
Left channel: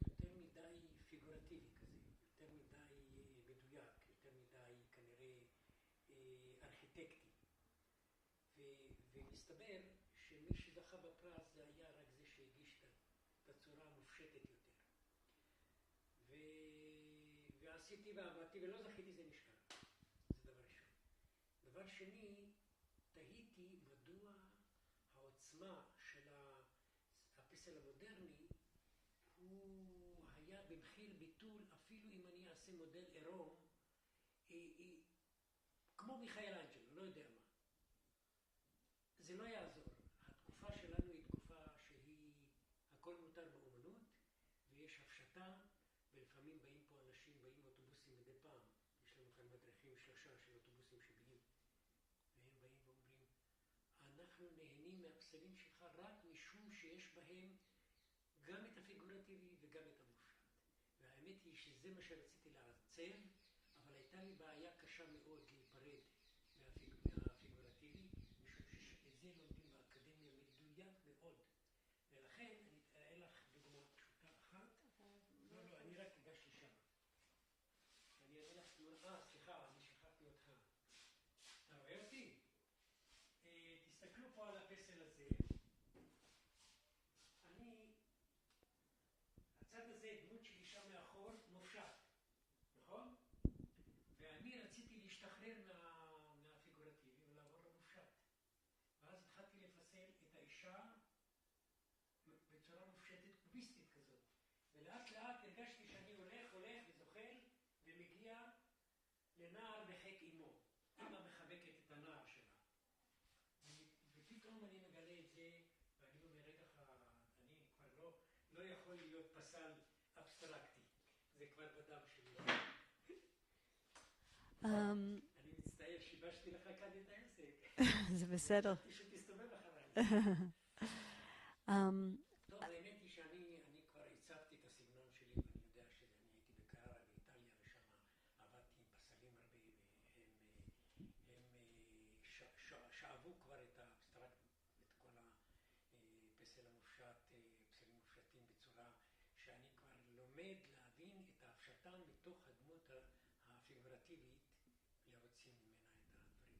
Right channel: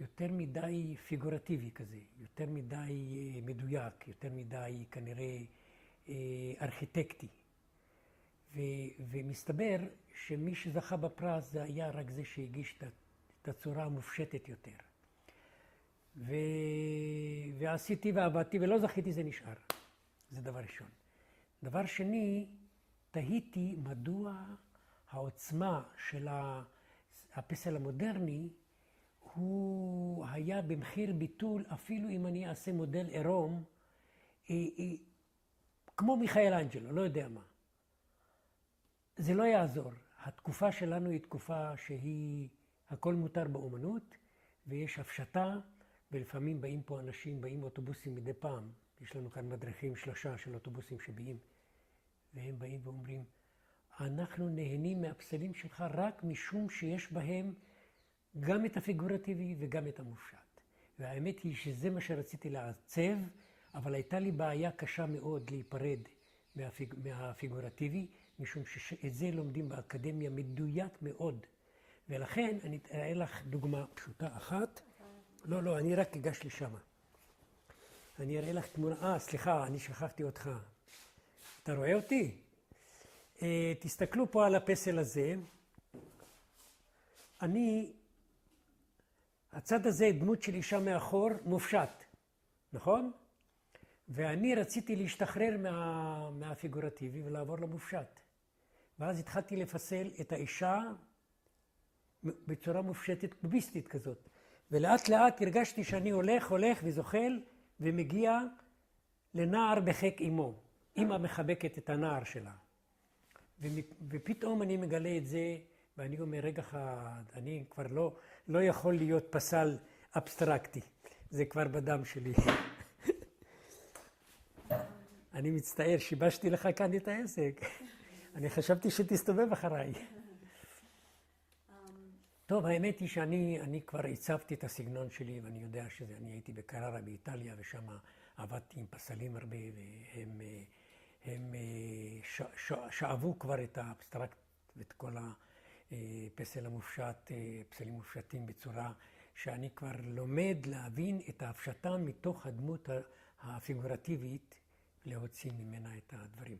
יותר מדי פיגורטיבי כזה, יותר מדי מדויק, יותר מדי כנראה ארכיטקטי. ומסתבר שמי שזכה בפרס זה היה רק זה שהגיש את הצורה המופשטת יותר. ועשיתי ועבדתי ולא זכיתי, זה נשאר. זה דבר ראשון. דבר שני, תהיתי מדוע העוצמה של הפסל המודרני הוא היה במחיר ביטול, אפילו אם אני אעשה מודל עירום, כמו מיכאל אנג'לו, לא יודע מה. זה לא יעזור. התקופה שלנו היא תקופה שהיא, הכל מותר באומנות, ויש הפשטה, ולפעמים באים פה אנשים, באים אוטובוסים מדי פעם. יש לנו כאן מדריכים 3 של אוטובוסים שבאים, והם באים ואומרים, אנחנו נהנים מהפסלים שלך רק משום שיש בהם גם את הפיגורטיבי וגם את המופשט. והאמת היא שזה מה שרציתי לעצב, אבל הייתה לי בעיה קשה מאוד להיפרד מהפיגורטיבי, משום שאת זה לומדים באקדמיה מדויק מאוד. ולכן אני אראה לך דוגמה פשוטה אחת. לא, אני רק אגש לשם. אני אראה לך תמונה, סליחה, אני שכחתי אותך. אתה רואה אותי? תסתכלו פה על הפסל הזה. הצד הזה, דמות של אישה מאחור, מופשט, נכון? ואני רציתי להשתחרר מהפיגורטיבי ולעבור למופשט. ואז התחלתי לפסל את האישה בצורה מופשטת, קוביסטית כזאת. ולאט לאט הרגשתי שאני הולך וזוחל, ומגיע לנער בחיק אמו. אמא מחבקת את הנער שלה. ופתאום אני מגלה את זה, ואני אומר, רגע אחד, אני כבר לא יכול להיות פסל אבסטרקטי. זה כבר בדם שלי. אני מצטער, שיבשתי לך כאן את העסק. אני חשבתי שתסתובב אחריי. טוב, האמת היא שאני כבר הצבתי את הסגנון שלי, ואני יודע אני הייתי בקררה באיטליה, ושם עבדתי עם פסלים הרבה, והם שאבו כבר את האבסטרקט ואת כל הפסל המופשט, פסלים מופשטים בצורה שאני כבר לומד להבין את ההפשטה מתוך הדמות הפיגורטיבית, להוציא ממנה את הדברים.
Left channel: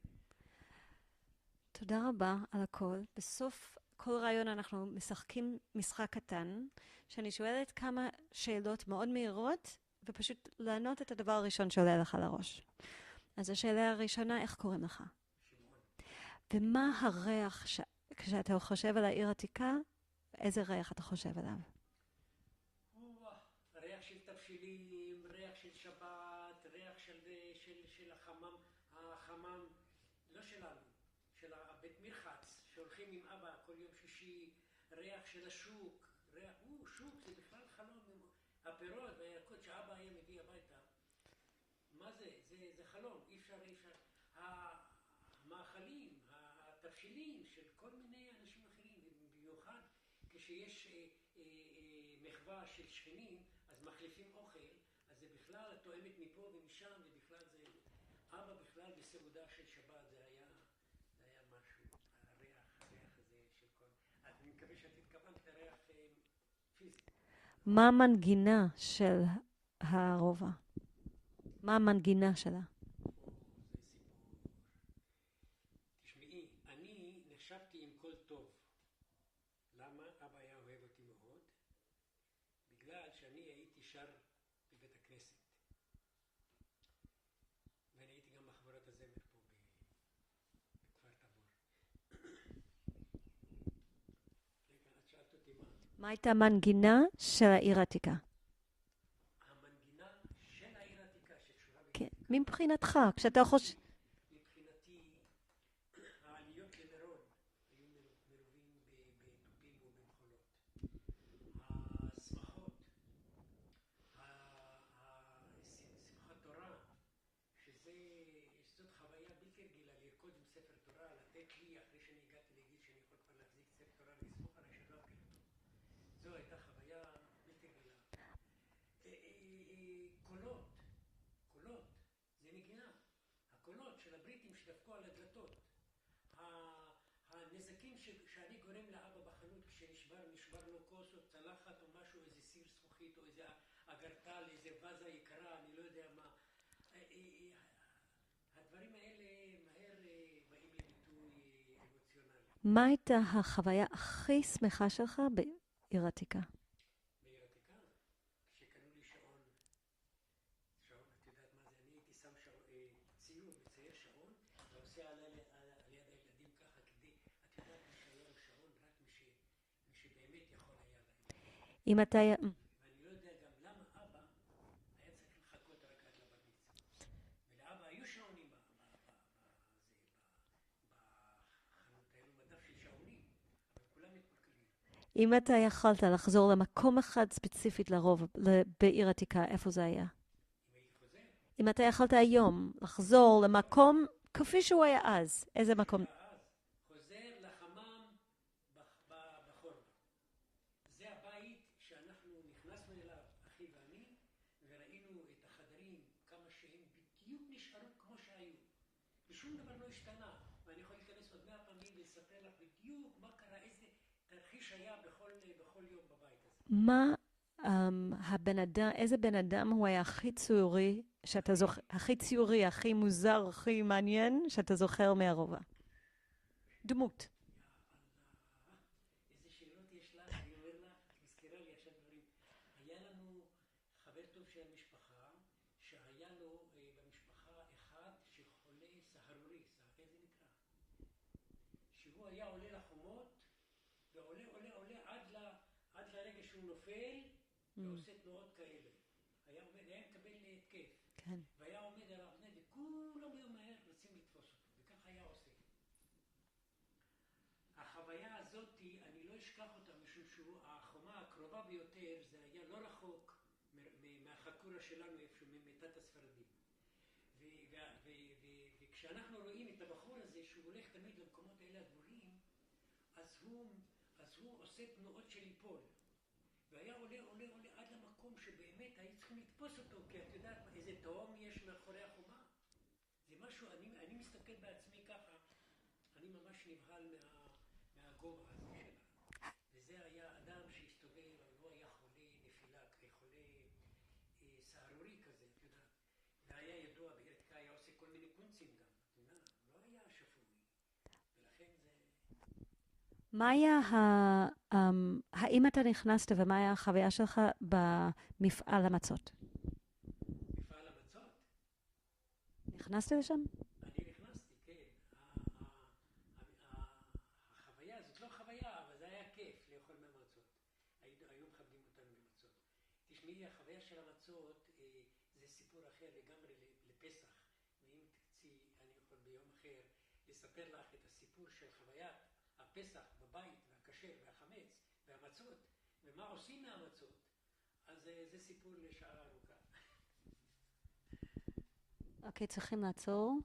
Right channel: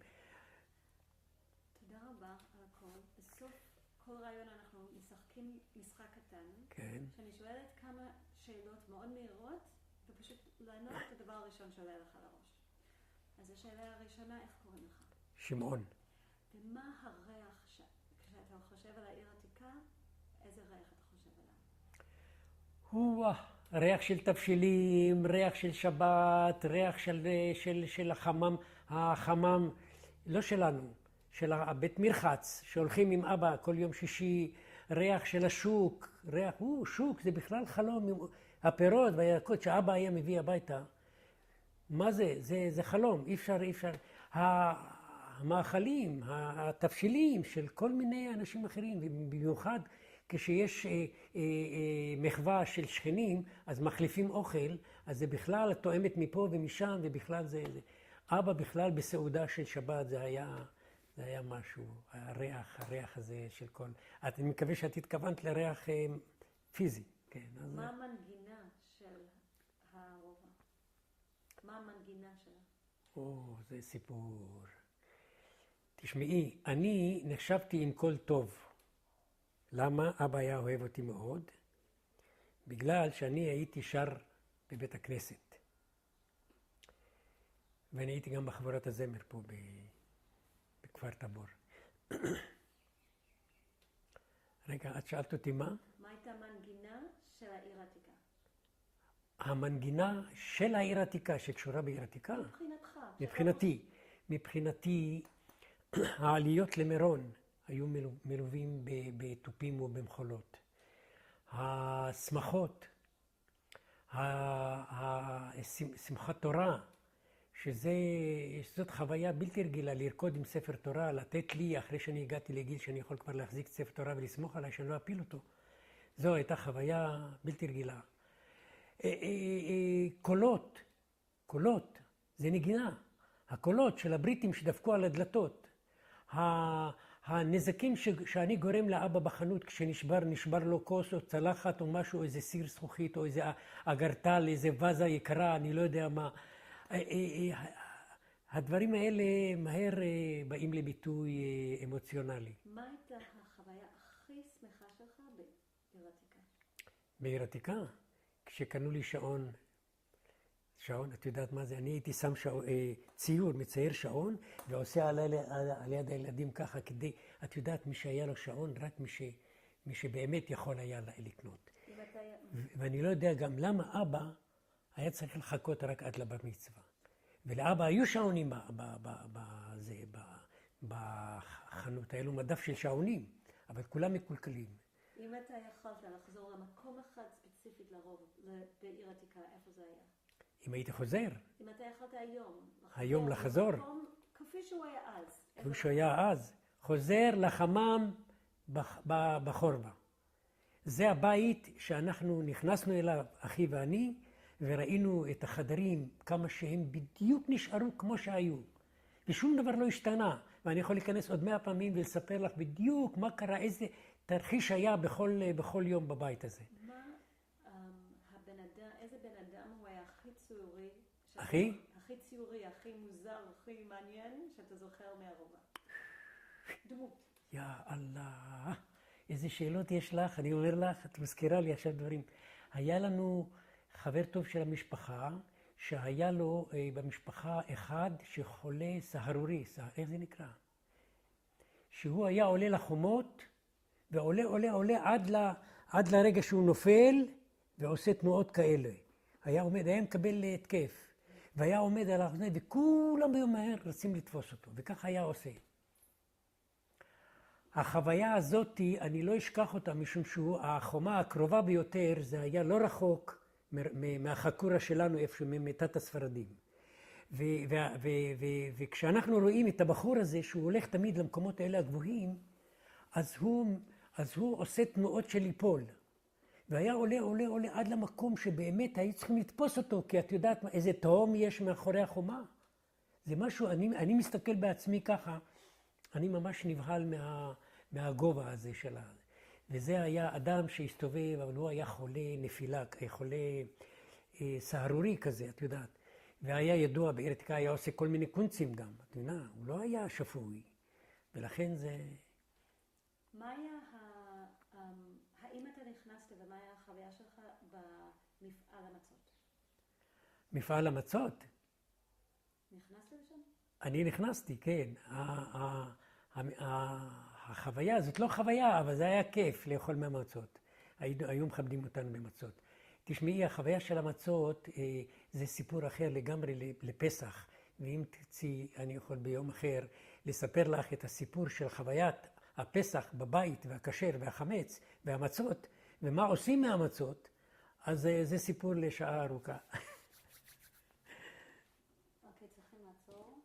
תודה רבה על הכל. בסוף כל רעיון אנחנו משחקים משחק קטן, כן. שאני שואלת כמה שאלות מאוד מהירות, ופשוט לענות את הדבר הראשון שעולה לך לראש. אז השאלה הראשונה, איך קוראים לך? שמעון. ומה הריח, כשאתה חושב על העיר עתיקה, איזה ריח אתה חושב עליו? ריח של תבשילים, ריח של שבת, ריח של החמם, לא שלנו, של הבית מרחץ, שהולכים עם אבא כל יום שישי, ריח של השוק, שוק, זה בכלל חלום, הפירות והירקות שאבא היה מביא הביתה. מה זה? זה חלום, אי אפשר. המאכלים, התבשילים של כל מיני אנשים אחרים, ובמיוחד כשיש מחווה של שכנים, אז מחליפים אוכל, אז זה בכלל תואמת מפה ומשם, ובכלל זה. אבא בכלל בסעודה של שבת, זה היה משהו, הריח הזה של כל... אני מקווה שאת התכוונת לריח פיזי. כן, מה המנגינה של הרובע? מה המנגינה שלה? זה סיפור. תשמעי, אני נחשבתי עם קול טוב. למה? אבא היה אוהב אותי מאוד. בגלל שאני הייתי שר בבית הכנסת. ואני הייתי גם בחבורת הזמר פה בכפר תבור. רגע, את שאלת אותי מה? מה הייתה המנגינה של העיר העתיקה? המנגינה של העיר העתיקה שקשורה בעיר העתיקה? מבחינתך, כשאתה חושב... מבחינתי, העליות למירון היו מלווים בתופים ובמחולות. השמחות, שמחת תורה, שזאת חוויה בלתי רגילה, לרקוד עם ספר תורה, לתת לי, אחרי שאני הגעתי לגיל שאני יכול כבר להחזיק ספר תורה ולסמוך עליי שאני לא אפיל אותו. זו הייתה חוויה בלתי רגילה. קולות, זה נגינה. הקולות של הבריטים שדפקו על הדלתות. הנזקים שאני גורם לאבא בחנות כשנשבר לו כוס או צלחת או משהו, איזה סיר זכוכית או איזה אגרטל, איזה וזה יקרה, אני לא יודע מה. הדברים האלה מהר באים לביטוי אמוציונלי. מה הייתה החוויה הכי שמחה שלך בעיר עתיקה? בעיר עתיקה? כשקנו לי שעון, את יודעת מה זה? אני הייתי שם ציור, מצייר שעון, ועושה על יד הילדים ככה כדי, את יודעת, מי שהיה לו שעון, רק מי שבאמת יכול היה לקנות. ואני לא יודע גם למה אבא היה צריך לחכות רק עד לבר מצווה. ולאבא היו שעונים בחנות, היה לו מדף של שעונים, אבל כולם מקולקלים. אם אתה יכולת לחזור למקום אחד ספציפית בעיר עתיקה, איפה זה היה? אם הייתי חוזר. אם אתה יכולת היום לחזור למקום כפי שהוא היה אז, איזה מקום? שהיה אז, חוזר לחמם בחורבה. זה הבית שאנחנו נכנסנו אליו, אחי ואני, וראינו את החדרים, כמה שהם בדיוק נשארו כמו שהיו. ושום דבר לא השתנה. ואני יכול להיכנס עוד 100 פעמים ולספר לך בדיוק מה קרה, איזה תרחיש היה בכל יום בבית הזה. איזה בן אדם הוא היה הכי ציורי, הכי ציורי, הכי מוזר, הכי מעניין, שאתה זוכר מהרובע? דמות. יא אללה, איזה שאלות יש לך, אני אומר לך, את מזכירה לי עכשיו דברים. היה לנו חבר טוב של המשפחה, שהיה לו במשפחה אחד שחולה סהרורי, איך זה נקרא? שהוא היה עולה לחומות ועולה, עולה, עולה עד לרגע שהוא נופל ועושה תנועות כאלה. היה מקבל התקף. והיה עומד על האוזניים, וכולם היו מהר רצים לתפוס אותו, וכך היה עושה. החוויה הזאת, אני לא אשכח אותה, משום שהחומה הקרובה ביותר, זה היה לא רחוק מהחקורה שלנו, איפה ממיטת הספרדים. וכשאנחנו רואים את הבחור הזה, שהוא הולך תמיד למקומות האלה הגבוהים, אז הוא עושה תנועות של ליפול. והיה עולה, עולה, עולה עד למקום שבאמת היו צריכים לתפוס אותו, כי את יודעת איזה תהום יש מאחורי החומה. זה משהו, אני מסתכל בעצמי ככה, אני ממש נבהל מהגובה הזה שלה. וזה היה אדם שהסתובב, אבל הוא היה חולה נפילה, חולה סהרורי כזה, את יודעת. והיה ידוע בארתיקה, היה עושה כל מיני קונצים גם, את יודעת, הוא לא היה שפוי. ולכן זה... מה היה, האם אתה נכנסת ומה היה החוויה שלך במפעל המצות? מפעל המצות? נכנסת לשם? אני נכנסתי, כן. החוויה, זאת לא חוויה, אבל זה היה כיף לאכול מהמצות. היו מכבדים אותנו במצות. תשמעי, החוויה של המצות זה סיפור אחר לגמרי לפסח. ואם תרצי, אני יכול ביום אחר לספר לך את הסיפור של חוויית הפסח בבית והכשר והחמץ והמצות, ומה עושים מהמצות, אז זה סיפור לשעה ארוכה. אוקיי, צריכים לעצור.